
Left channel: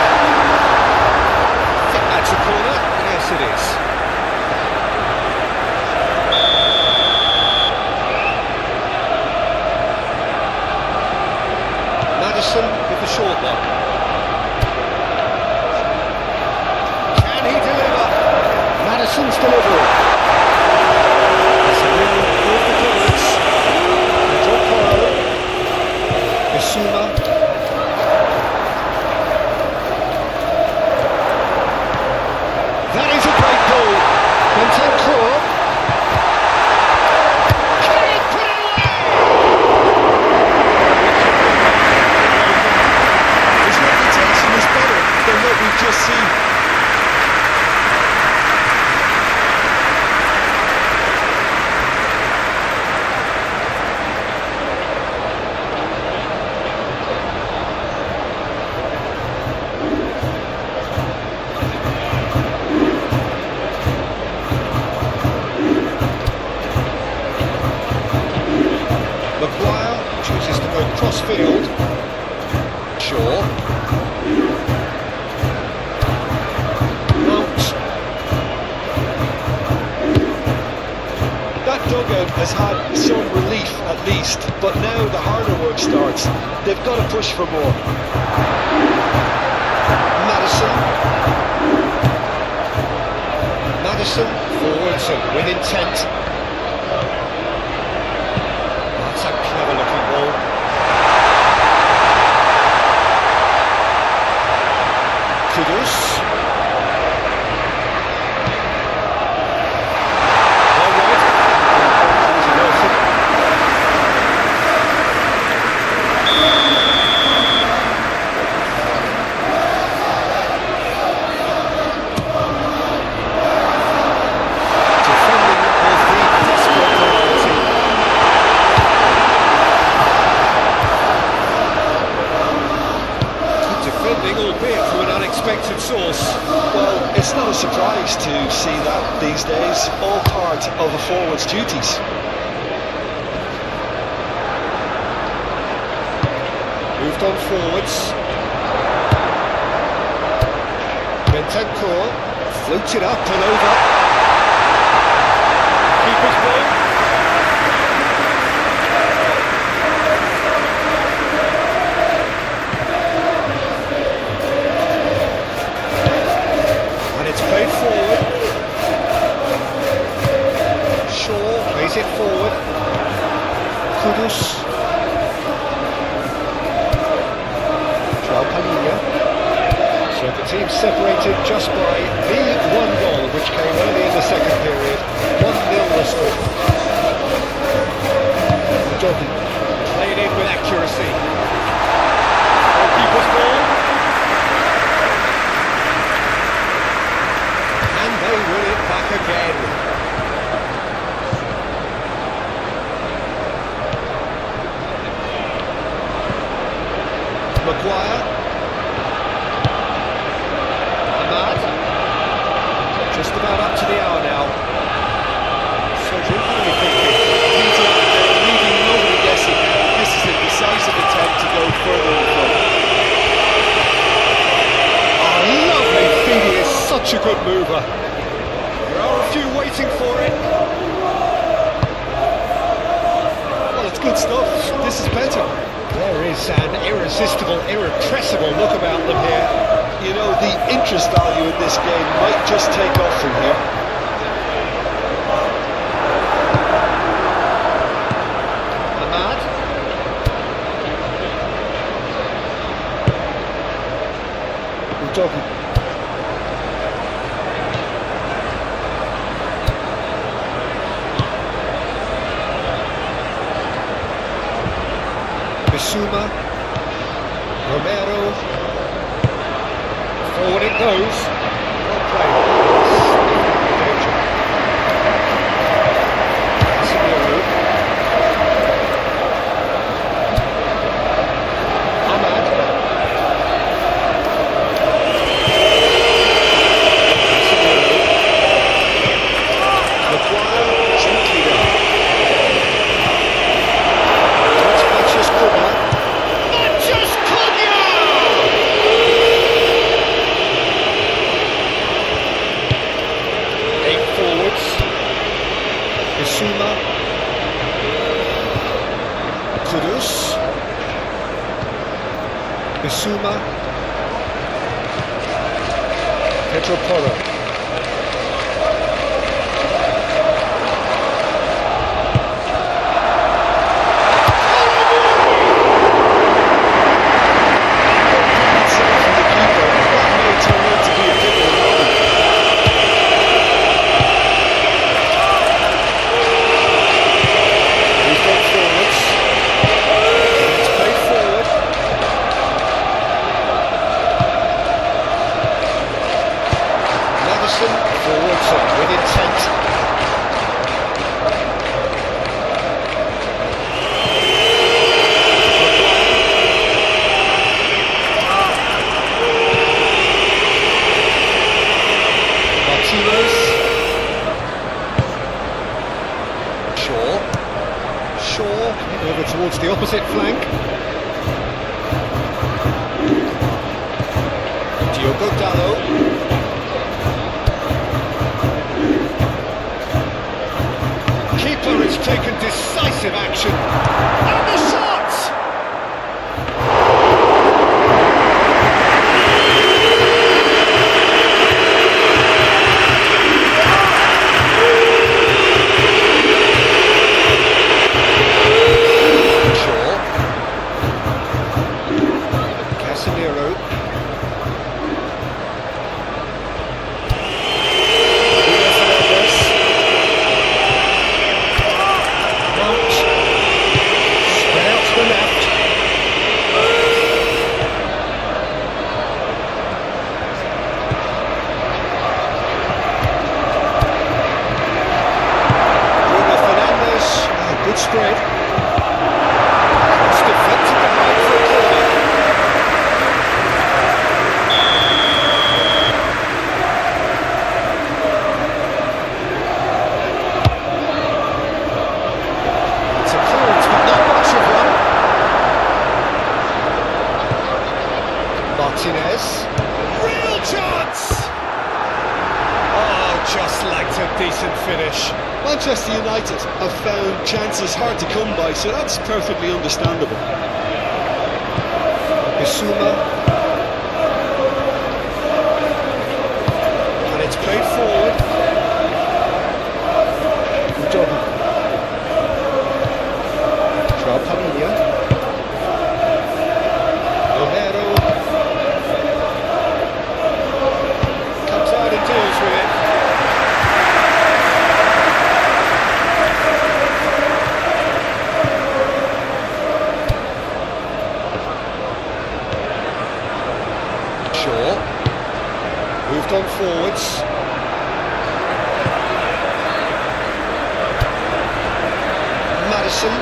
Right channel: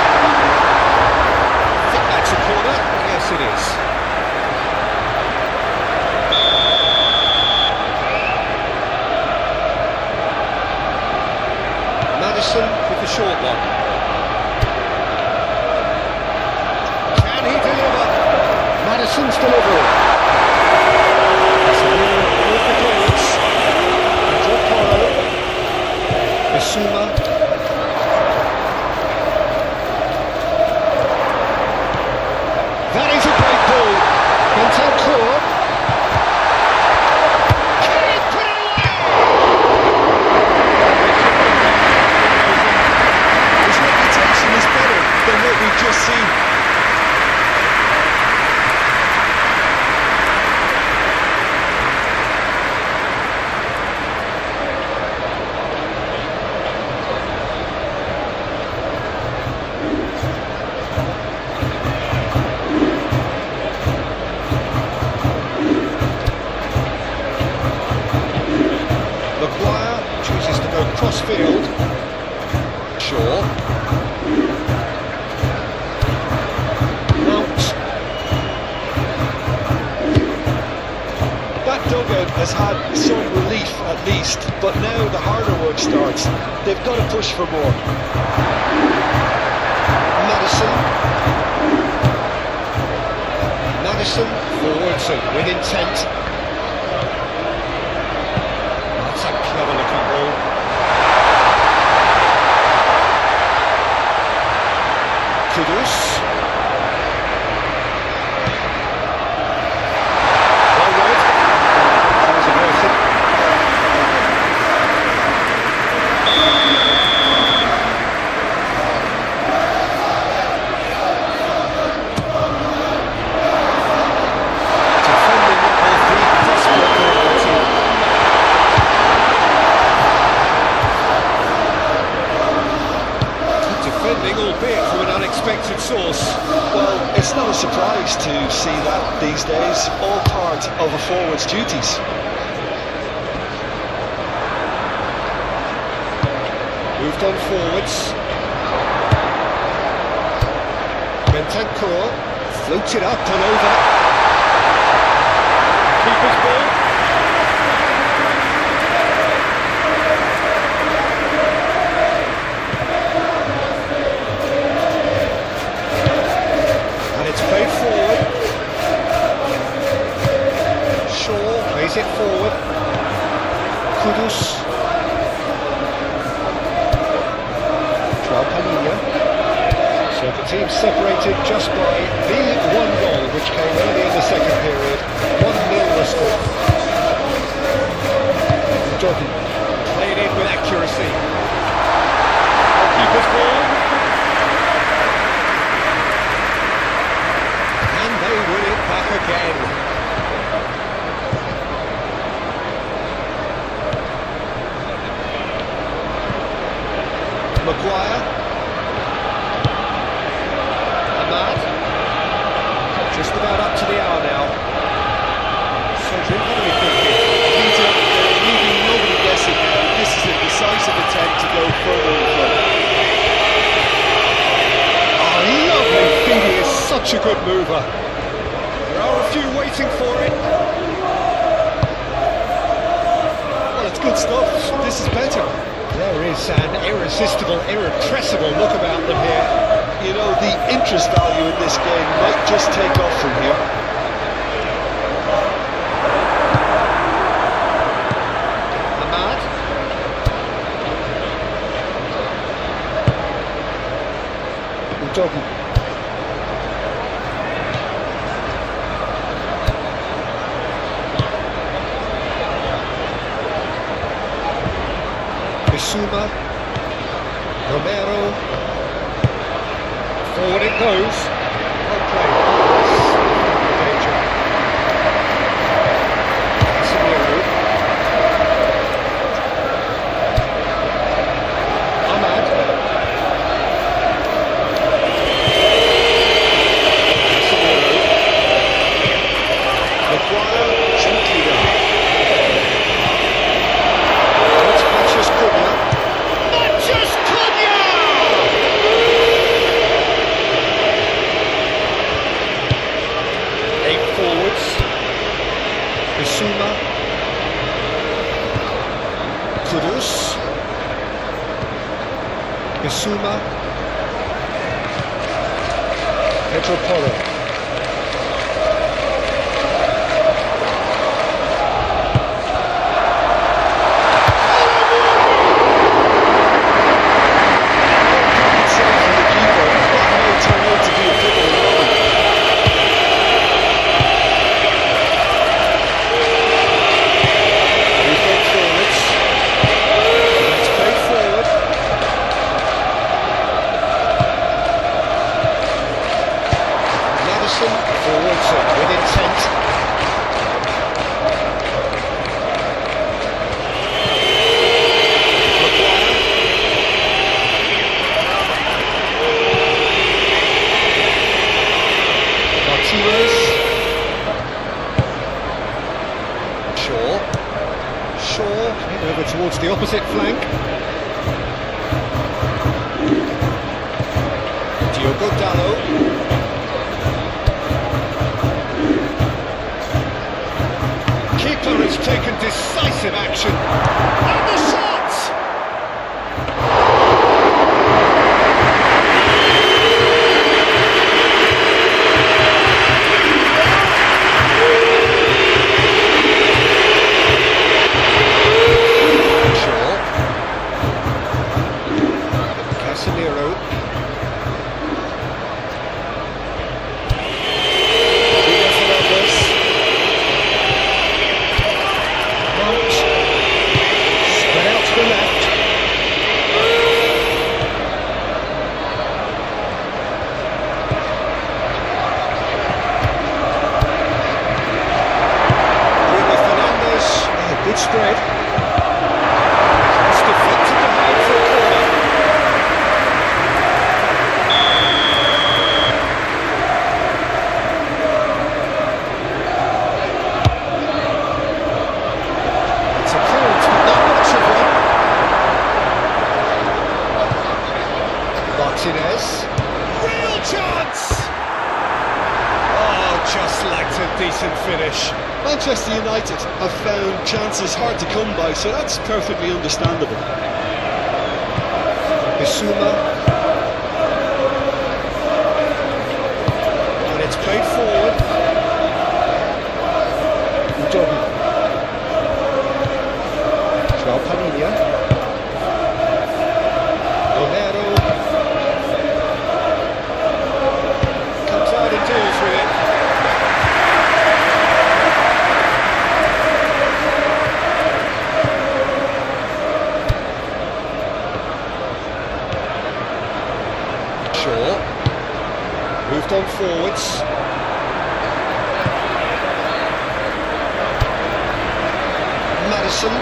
I think that's a corner. Yes, it is. Maddison with the short one. Can he deliver? Maddison's delivery. With the clearance. Bissouma. That is a great ball. Bentancur. Can he put it away? His reputation is better than what we've just seen. Chooses to go cross-field. Shaw. Mount. That dugout has had some relief at least, but now the harder work starts. They've got to push for more. Maddison forwards and with intent. That's a clever looking ball. Kudus. Well read. Tries a mercy. Defending of the desperate variety. Defending, albeit from an unexpected source. Well, it's not a surprise to see that these days, all part of a forward's duties. Moved on forwards. Bentancur floated up and over. Keeper's ball. It's played forward. Shaw plays it forward. Kudus. Palhinha. So the team separated just by the one goal which came early in the second period. 1-0 the score. Jogging. Played in with accuracy. Goalkeeper's ball. And they win it back again. Maguire. Ahmad. Just about up to the hour now. Cedric, what are you thinking? Peter, leaving nobody guessing now. This is a decisive attempt to go further in front. Oh, lovely feed, he is such a good mover. There are a few waiting for it. Well, it's good stuff. This is better. is an irresistible, irrepressible look about them here. You know, the interest value in this game might just take off from here. Ahmad. Udogi. Bissouma, Romero, forward it goes, well played, danger, Casemiro, Ahmad, Casemiro, Maguire, gently down. Matches Cunha. Matches Cunha! Eight forwards. Bissouma. Kudus. Bissouma. Pedro Porro. Forwards with intent. Maguire. Martinez. Shaw came over towards the opposite flank. Diogo Dalot. Keeper has taken decisive action. And the shot! Shaw. Casemiro. Good spread. It's deflected behind for a corner. It's a clearance, but not much of one. Martinez. Real chance! Oh, just liked a decent finish. Manchester United have found chances hard to come by, so that's perfectly understandable. Bissouma. And it's played forward. Udogi. Joao Padilha. Romero. Comes out and deals with it. Moved on forwards. Maddison.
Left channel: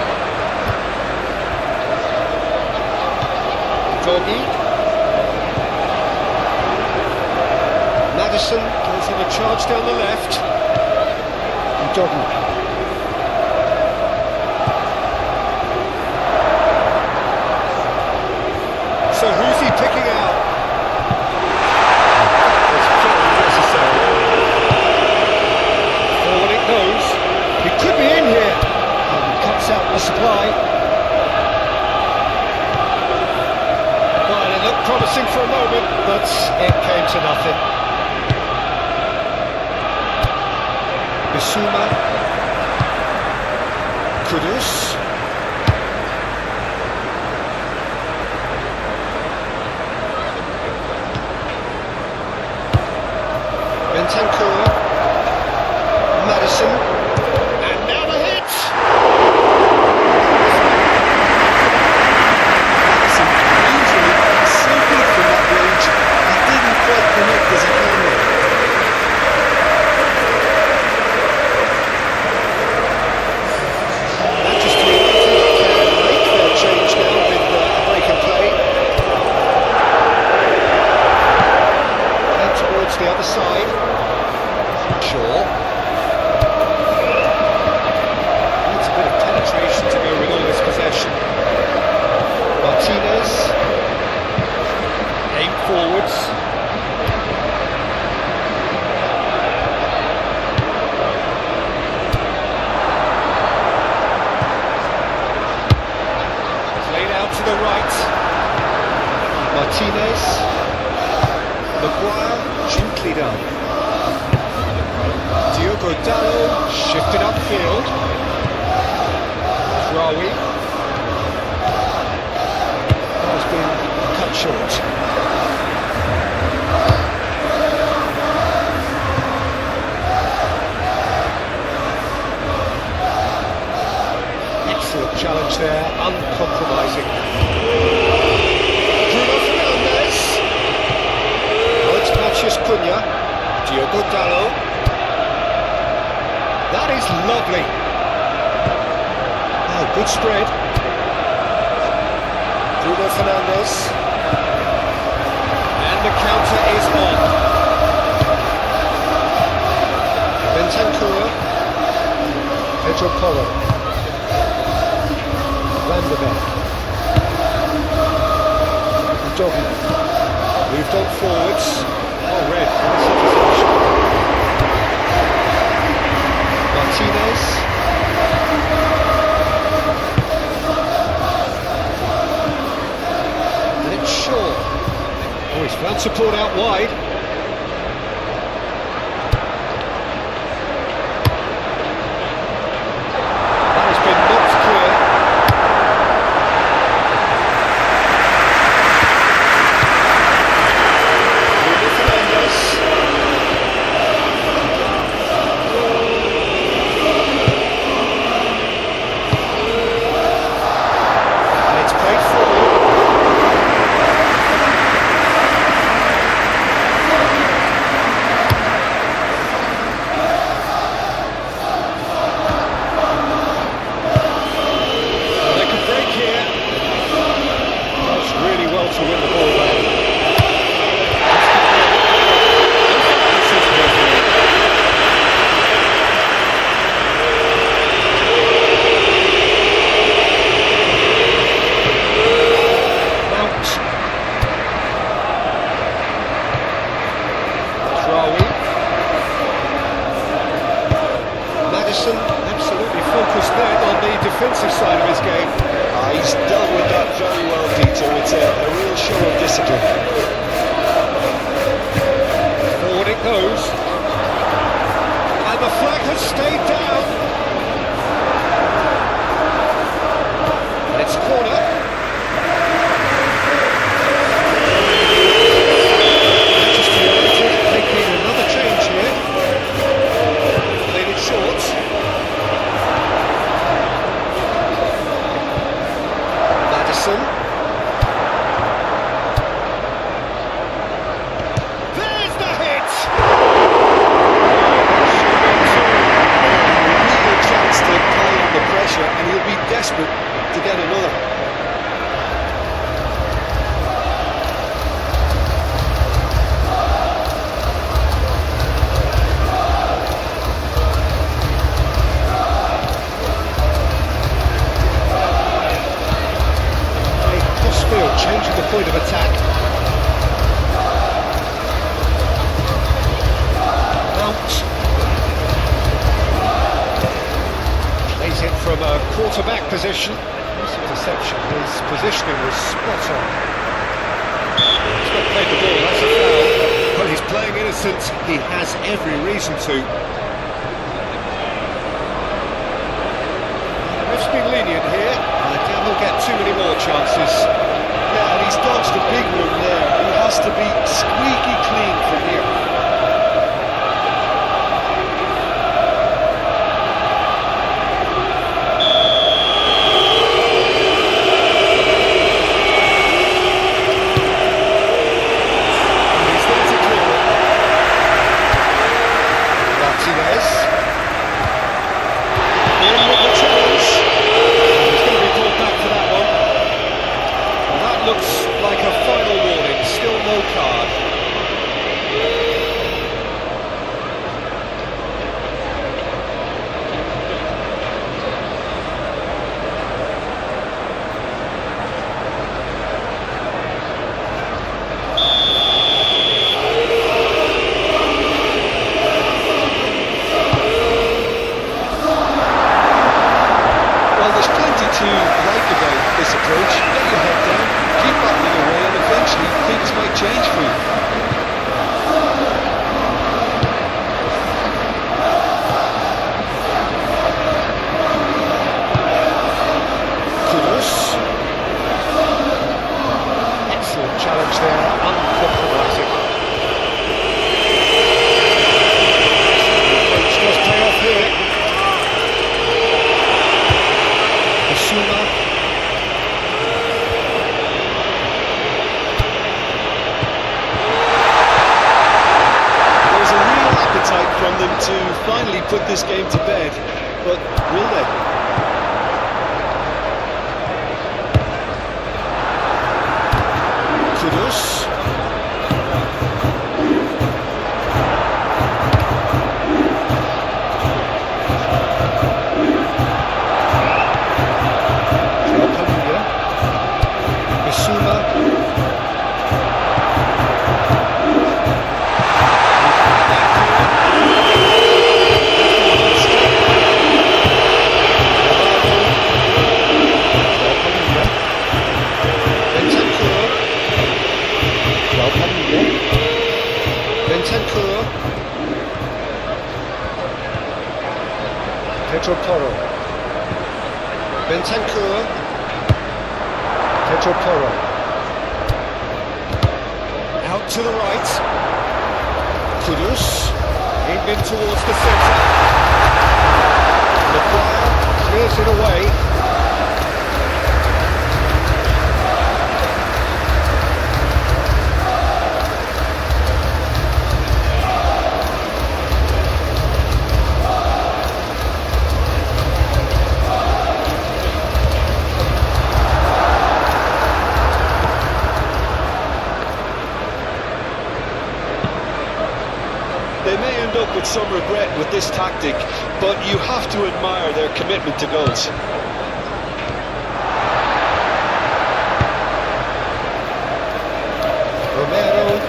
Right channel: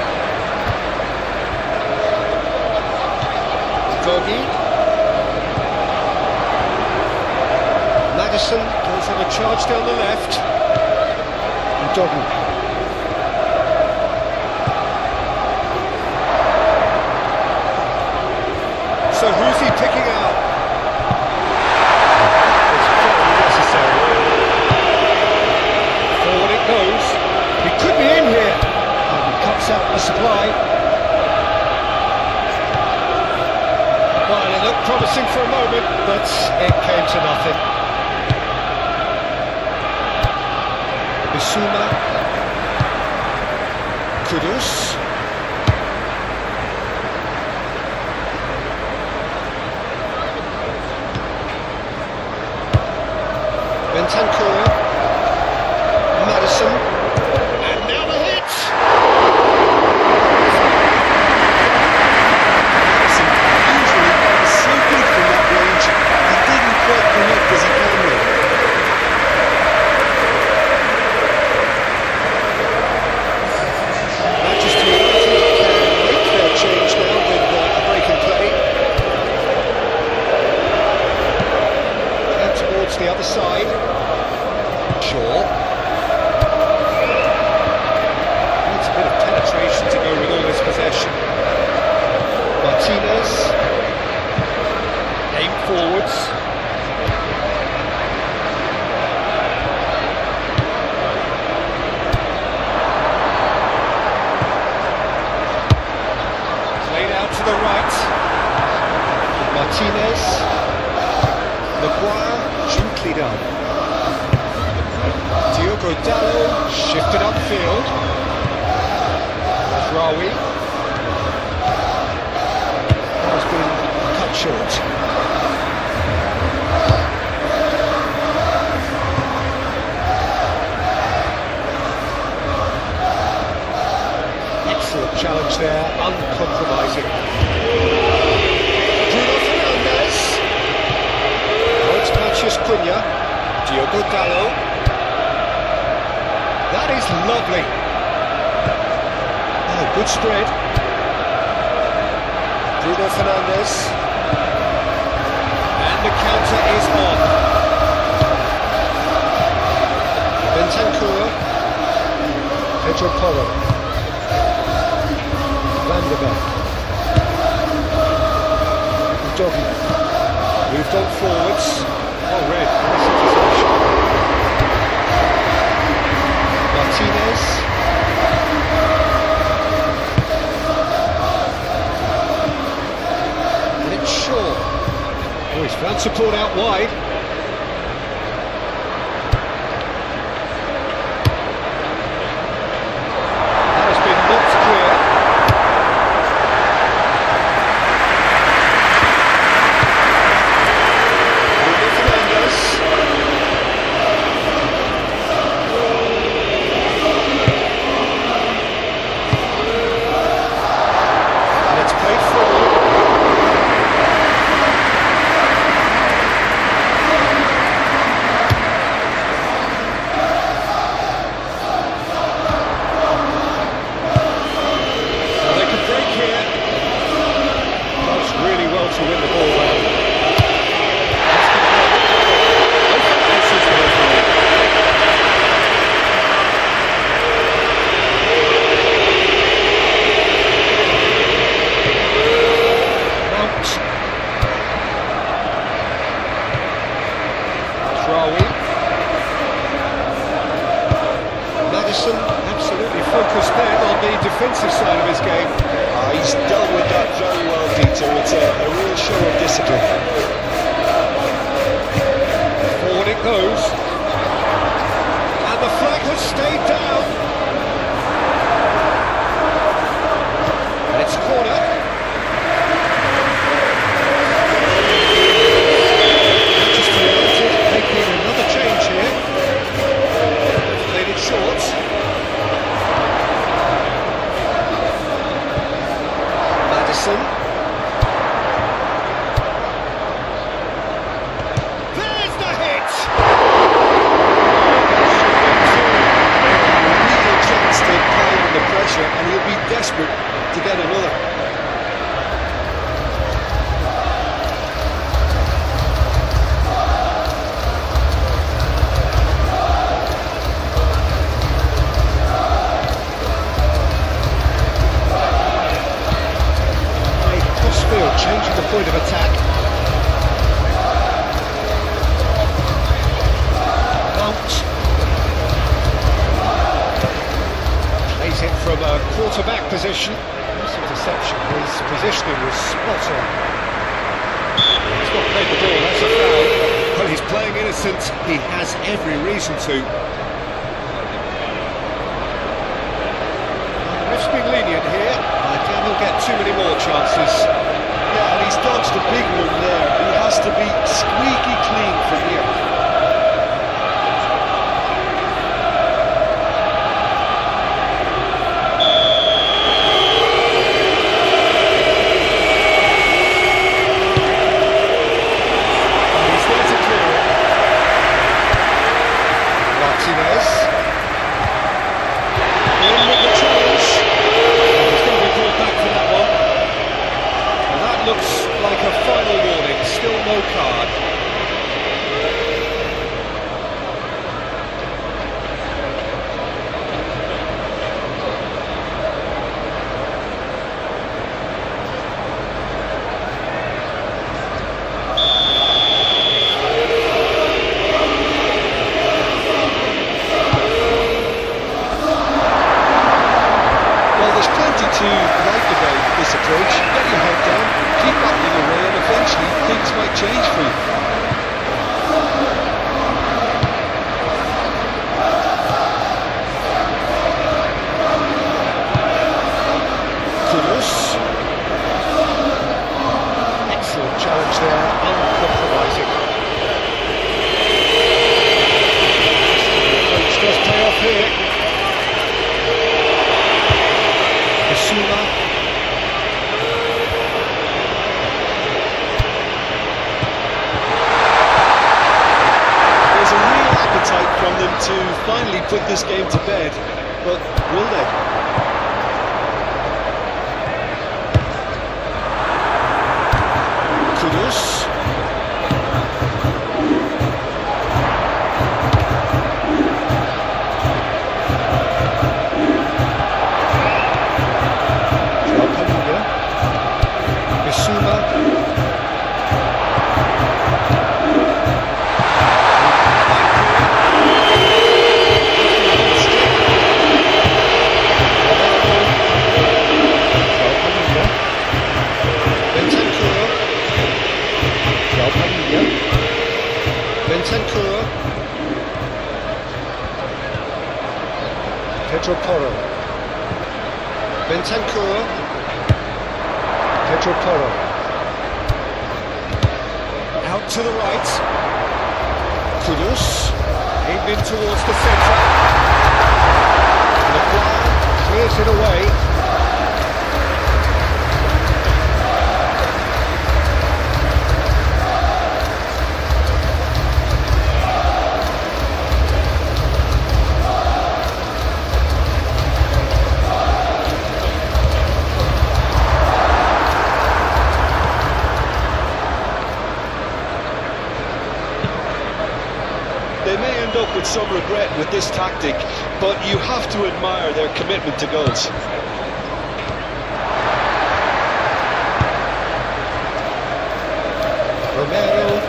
Doggy. Maddison goes on a charge down the left. Doggy. So who's he picking out? It's very necessary. Forward it goes. He could be in here. And he cuts out the supply. looked promising for a moment, but it came to nothing. Bissouma. Kudus. Bentancur. Madison. And now the hit! Madison usually is so good from that range. He didn't quite connect as he can there. Manchester United can make their change now with a break in play. And towards the other side. Shaw. Needs a bit of penetration to go with all this possession. Martinez. Aim forwards. Played out to the right. Martinez. Maguire, gently done. Diogo Dalot shifted upfield. Rawi has been cut short. Excellent challenge there, uncompromising. Bruno Fernandes. Now it's Matheus Cunha. Diogo Dalot. That is lovely. Oh, good spread. Bruno Fernandes. And the counter is on. Bentancur. Pedro Porro. Van de Beek. Udogi. Moved on forwards. Oh, red. Nice interception. Martinez. And it's Shaw. Oh, he's found support out wide. That has been knocked clear. Bruno Fernandes. Played forward. Well, they can break here. Does really well to win the ball back. This is the referee. Madison absolutely focused then on the defensive side of his game. He's dealt with that very well, Peter. It's a real show of discipline. Forward it goes. And the flag has stayed down. And it's corner. Manchester United making another change here. Played it short. Madison. There's the hit! Real chance to pile on the pressure, and he'll be desperate to get another. Changing the point of attack. Mount plays it from a quarterback position. Nice interception. His positioning was spot on. He's not played the ball, that's a foul. Well, he's playing innocent, he has every reason to. The ref's been lenient here. I doubt he'll get too many more chances. Yeah, and he's dodged a big one there. He has to be squeaky clean from here. Martinez. In with the challenge. He's going to be pulled back for that one. Well, that looks like a final warning. Still no card. Well, there's plenty to like about this approach. Get your head down, keep battling away, and eventually things might change for you. Kudus. Excellent challenge there, uncompromising. The approach does pay off here. Bissouma. There's a real appetite from them to finally put this game to bed, but will they? Kudus. Bissouma. Bentancur. Pedro Porro. Bentancur. Pedro Porro. Out to the right. Kudus. Aimed in towards the centre. Maguire clears it away. They may end up with some regret with this tactic, but you have to admire their commitment to goals. Romero.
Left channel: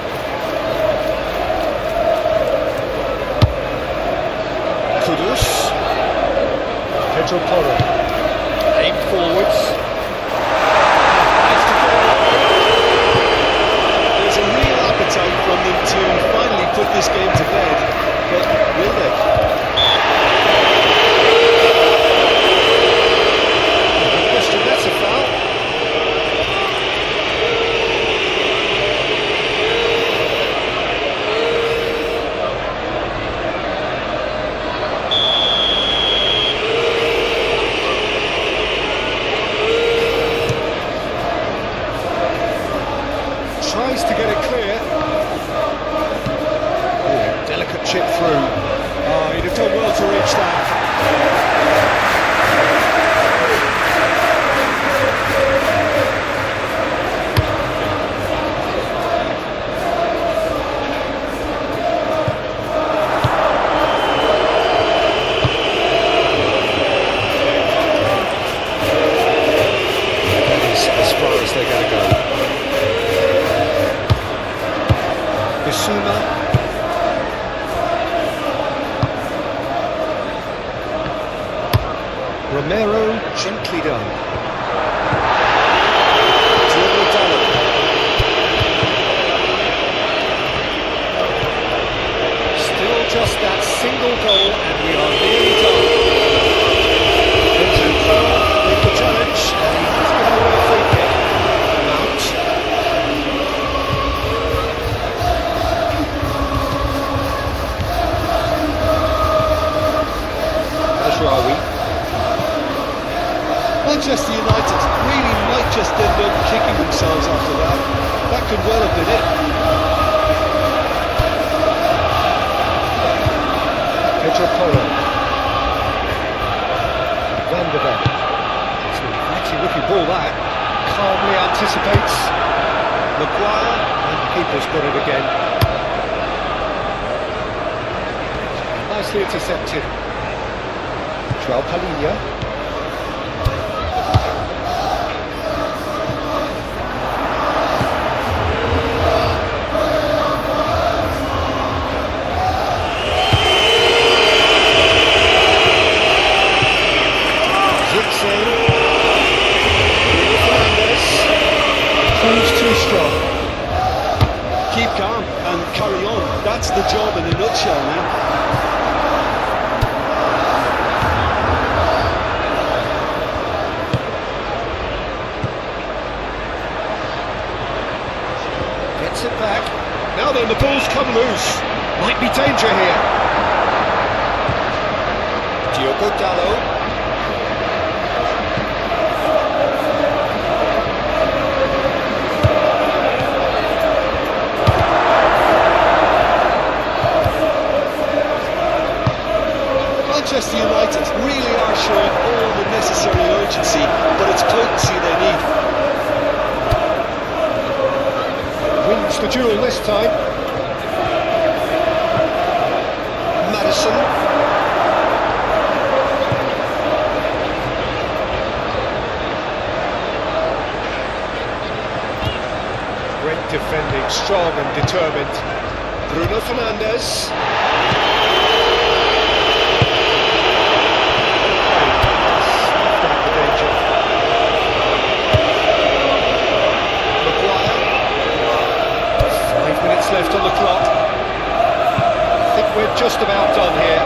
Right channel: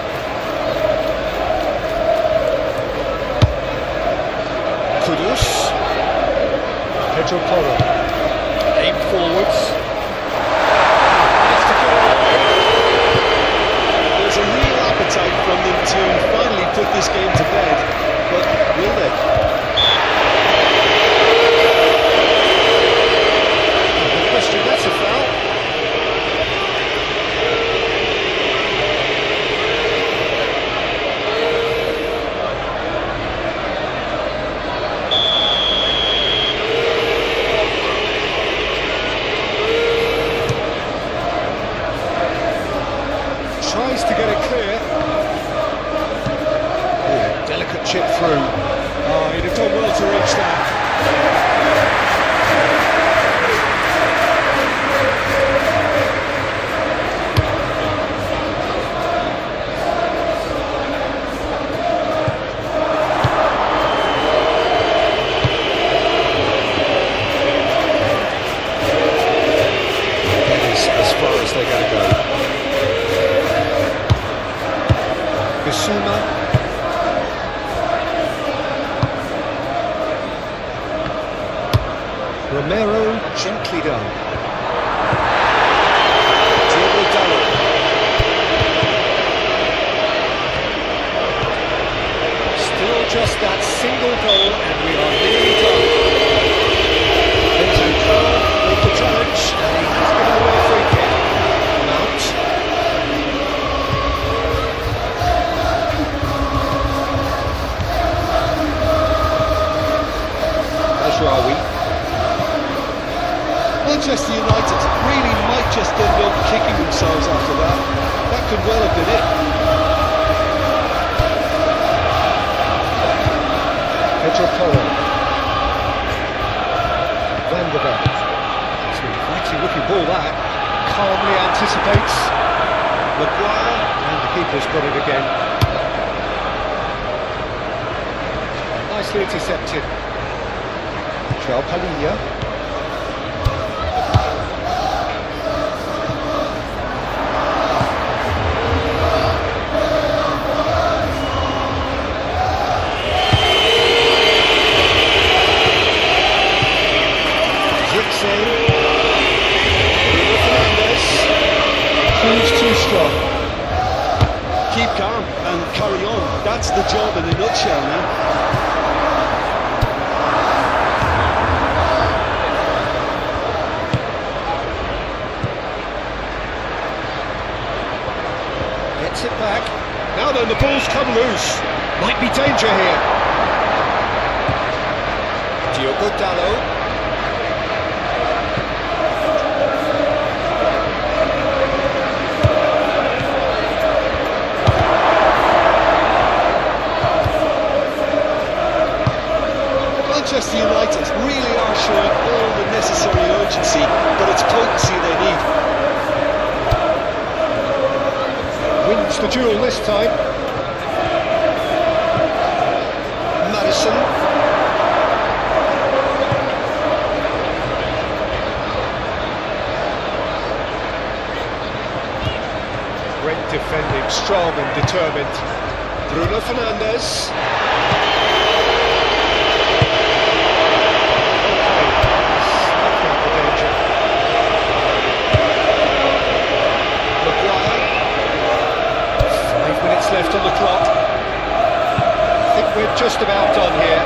Kudus. Pedro Porro. Aim forwards. Nice to get it away. There's a real appetite from them to finally put this game to bed, but will they? Good question, that's a foul. Tries to get it clear. Oh, delicate chip through. Oh, he'd have done well to reach that. That is as far as they're going to go. Bissouma. Romero, gently done. Diego Dallo. just that single goal and we are nearly done. Vincent with the challenge and he has given away a free kick. Mount. Ashrawi. Manchester United really might just end up kicking themselves after that. That could well have been it. Pedro Porro. Van der Beek. It's an actually looking ball that. Calmly anticipates. Maguire, and the keeper's got it again. Nicely intercepted. Joao Palhinha. Too strong. Keep calm and carry on. That's the job in a nutshell now. Gets it back. Now then, the ball's come loose. Might be danger here. Diogo Dalot. Manchester United really are showing all the necessary urgency, but it's potency they need. Wins the duel this time. Madison. Great defending, strong and determined. Bruno Fernandes. Left on the clock. I think we're just about done here.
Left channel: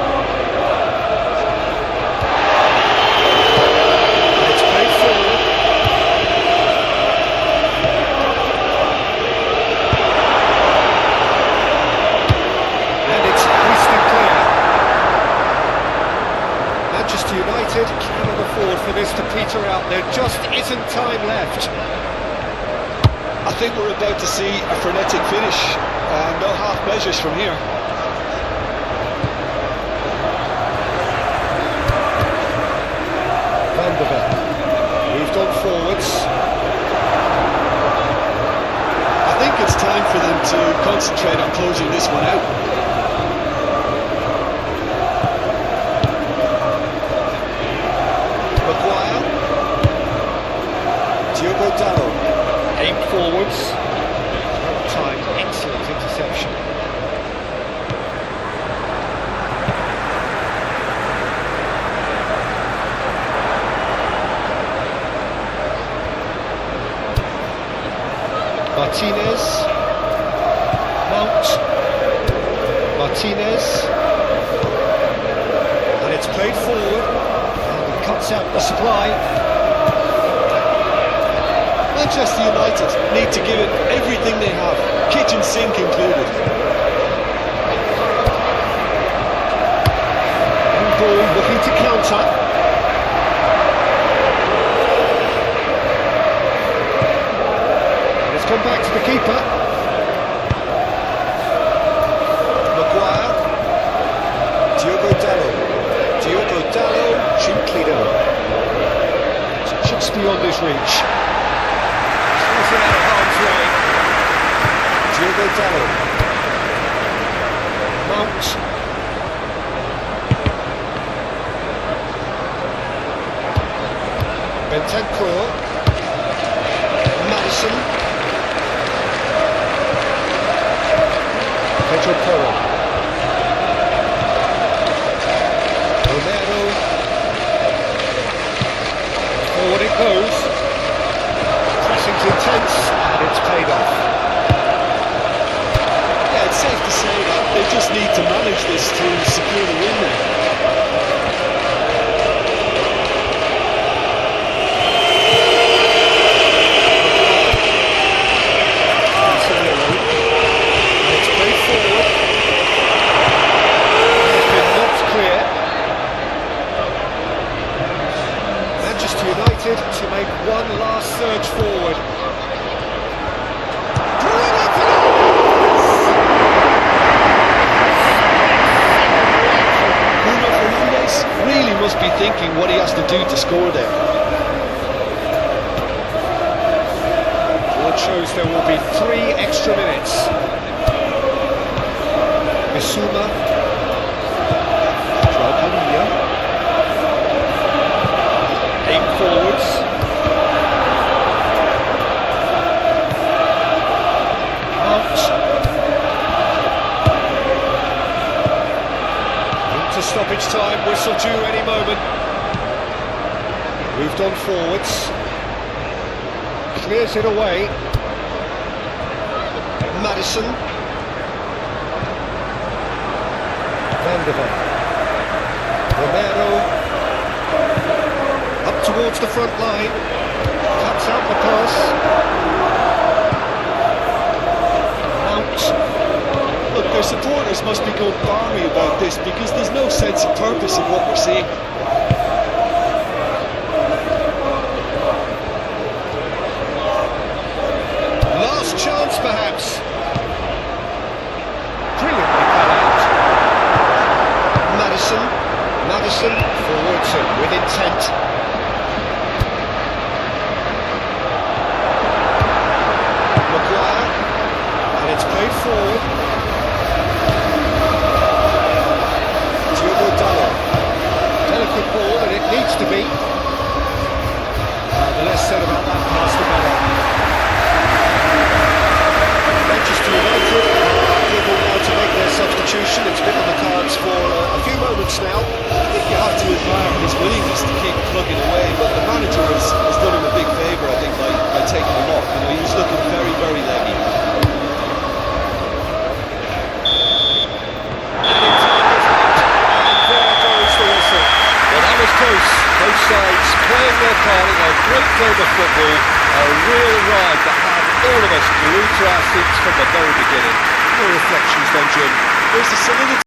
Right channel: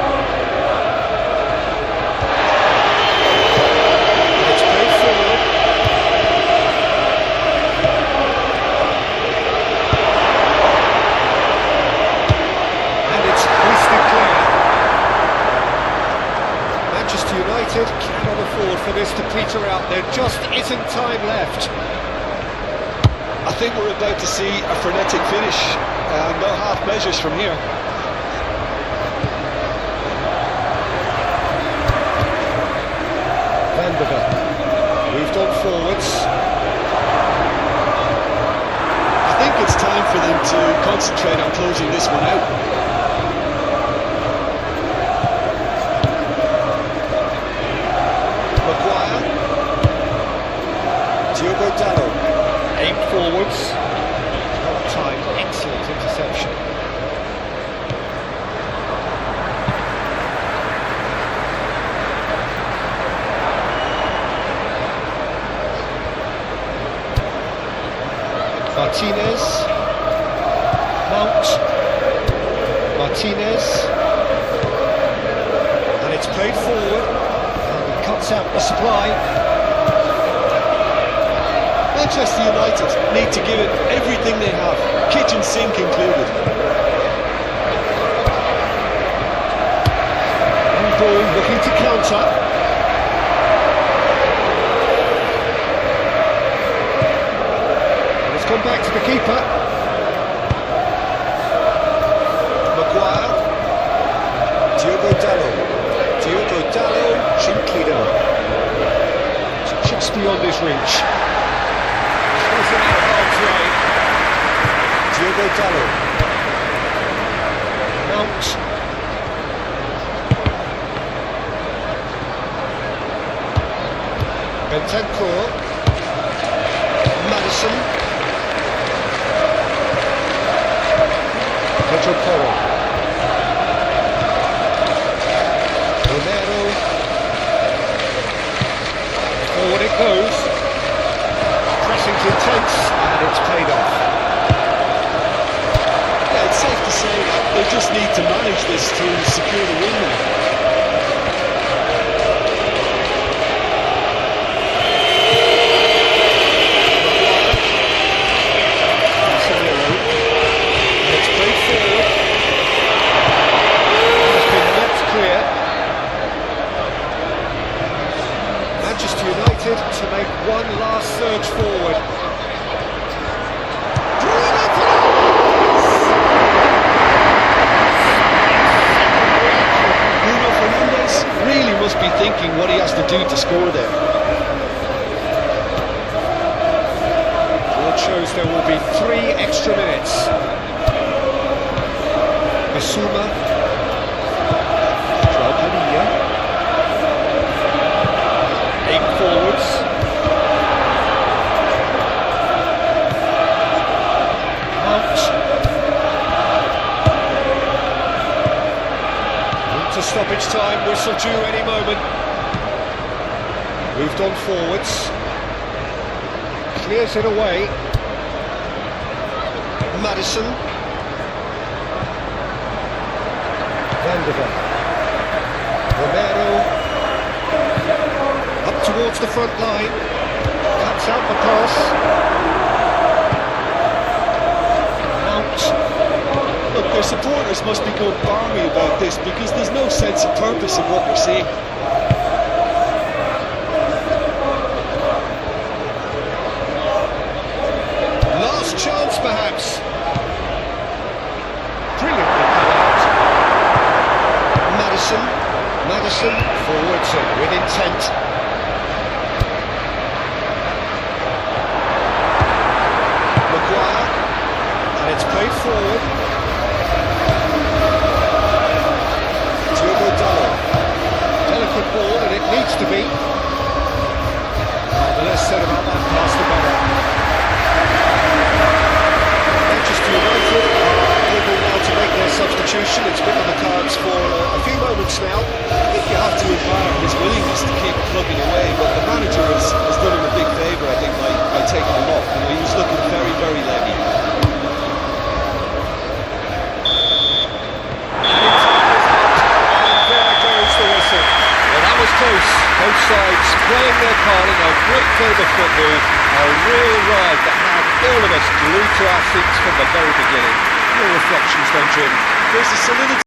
And it's played forward. And it's hoisted clear. Manchester United cannot afford for this to peter out. There just isn't time left. I think we're about to see a frenetic finish. No half measures from here. Van der Beek moved on forwards. I think it's time for them to concentrate on closing this one out. Maguire. Diogo Dalot aimed forwards. Time, excellent interception. Martinez. Mount. Martinez. And it's played forward. And he cuts out the supply. Manchester United need to give it everything they have, kitchen sink included. And ball looking to counter. And it's gone back to the keeper. Maguire. Diogo Dalot. Diogo Dalot, gently down. It's just beyond his reach. Out of harm's way. Diogo Dalot. Mount. Bentancur. Madison. Pedro Porro. Romero. Forward it goes. Pressing's intense, and it's paid off. Yeah, it's safe to say that they just need to manage this to secure the win now. Manchester United to make one last surge forward. Bruno Fernandes really must be thinking what he has to do to score there. Board shows there will be 3 extra minutes. Bissouma. Forwards. Mount. Into stoppage time, whistle due any moment. Moved on forwards. Clears it away. Maddison. Van de Ven. Romero. Up towards the front line, cuts out the pass. Mount. Look, their supporters must be going balmy about this because there's no sense of purpose in what we're seeing. Last chance, perhaps. Brilliantly cut out. Maddison forwards and with intent. Maguire, and it's played forward. Diogo Dalot. Delicate ball, and it needs to be. The less said about that pass, the better. Manchester United are able now to make their substitution. It's been on the cards for a few moments now. I think you have to admire his willingness to keep plugging away, but the manager has done him a big favour, I think, by taking him off. You know, he was looking very, very leggy. Adding time is up, and there goes the whistle. Well, that was close. Both sides playing their part in a great game of football. A real ride that had all of us glued to our seats from the very beginning. Your reflections then, Jim? There's a solidity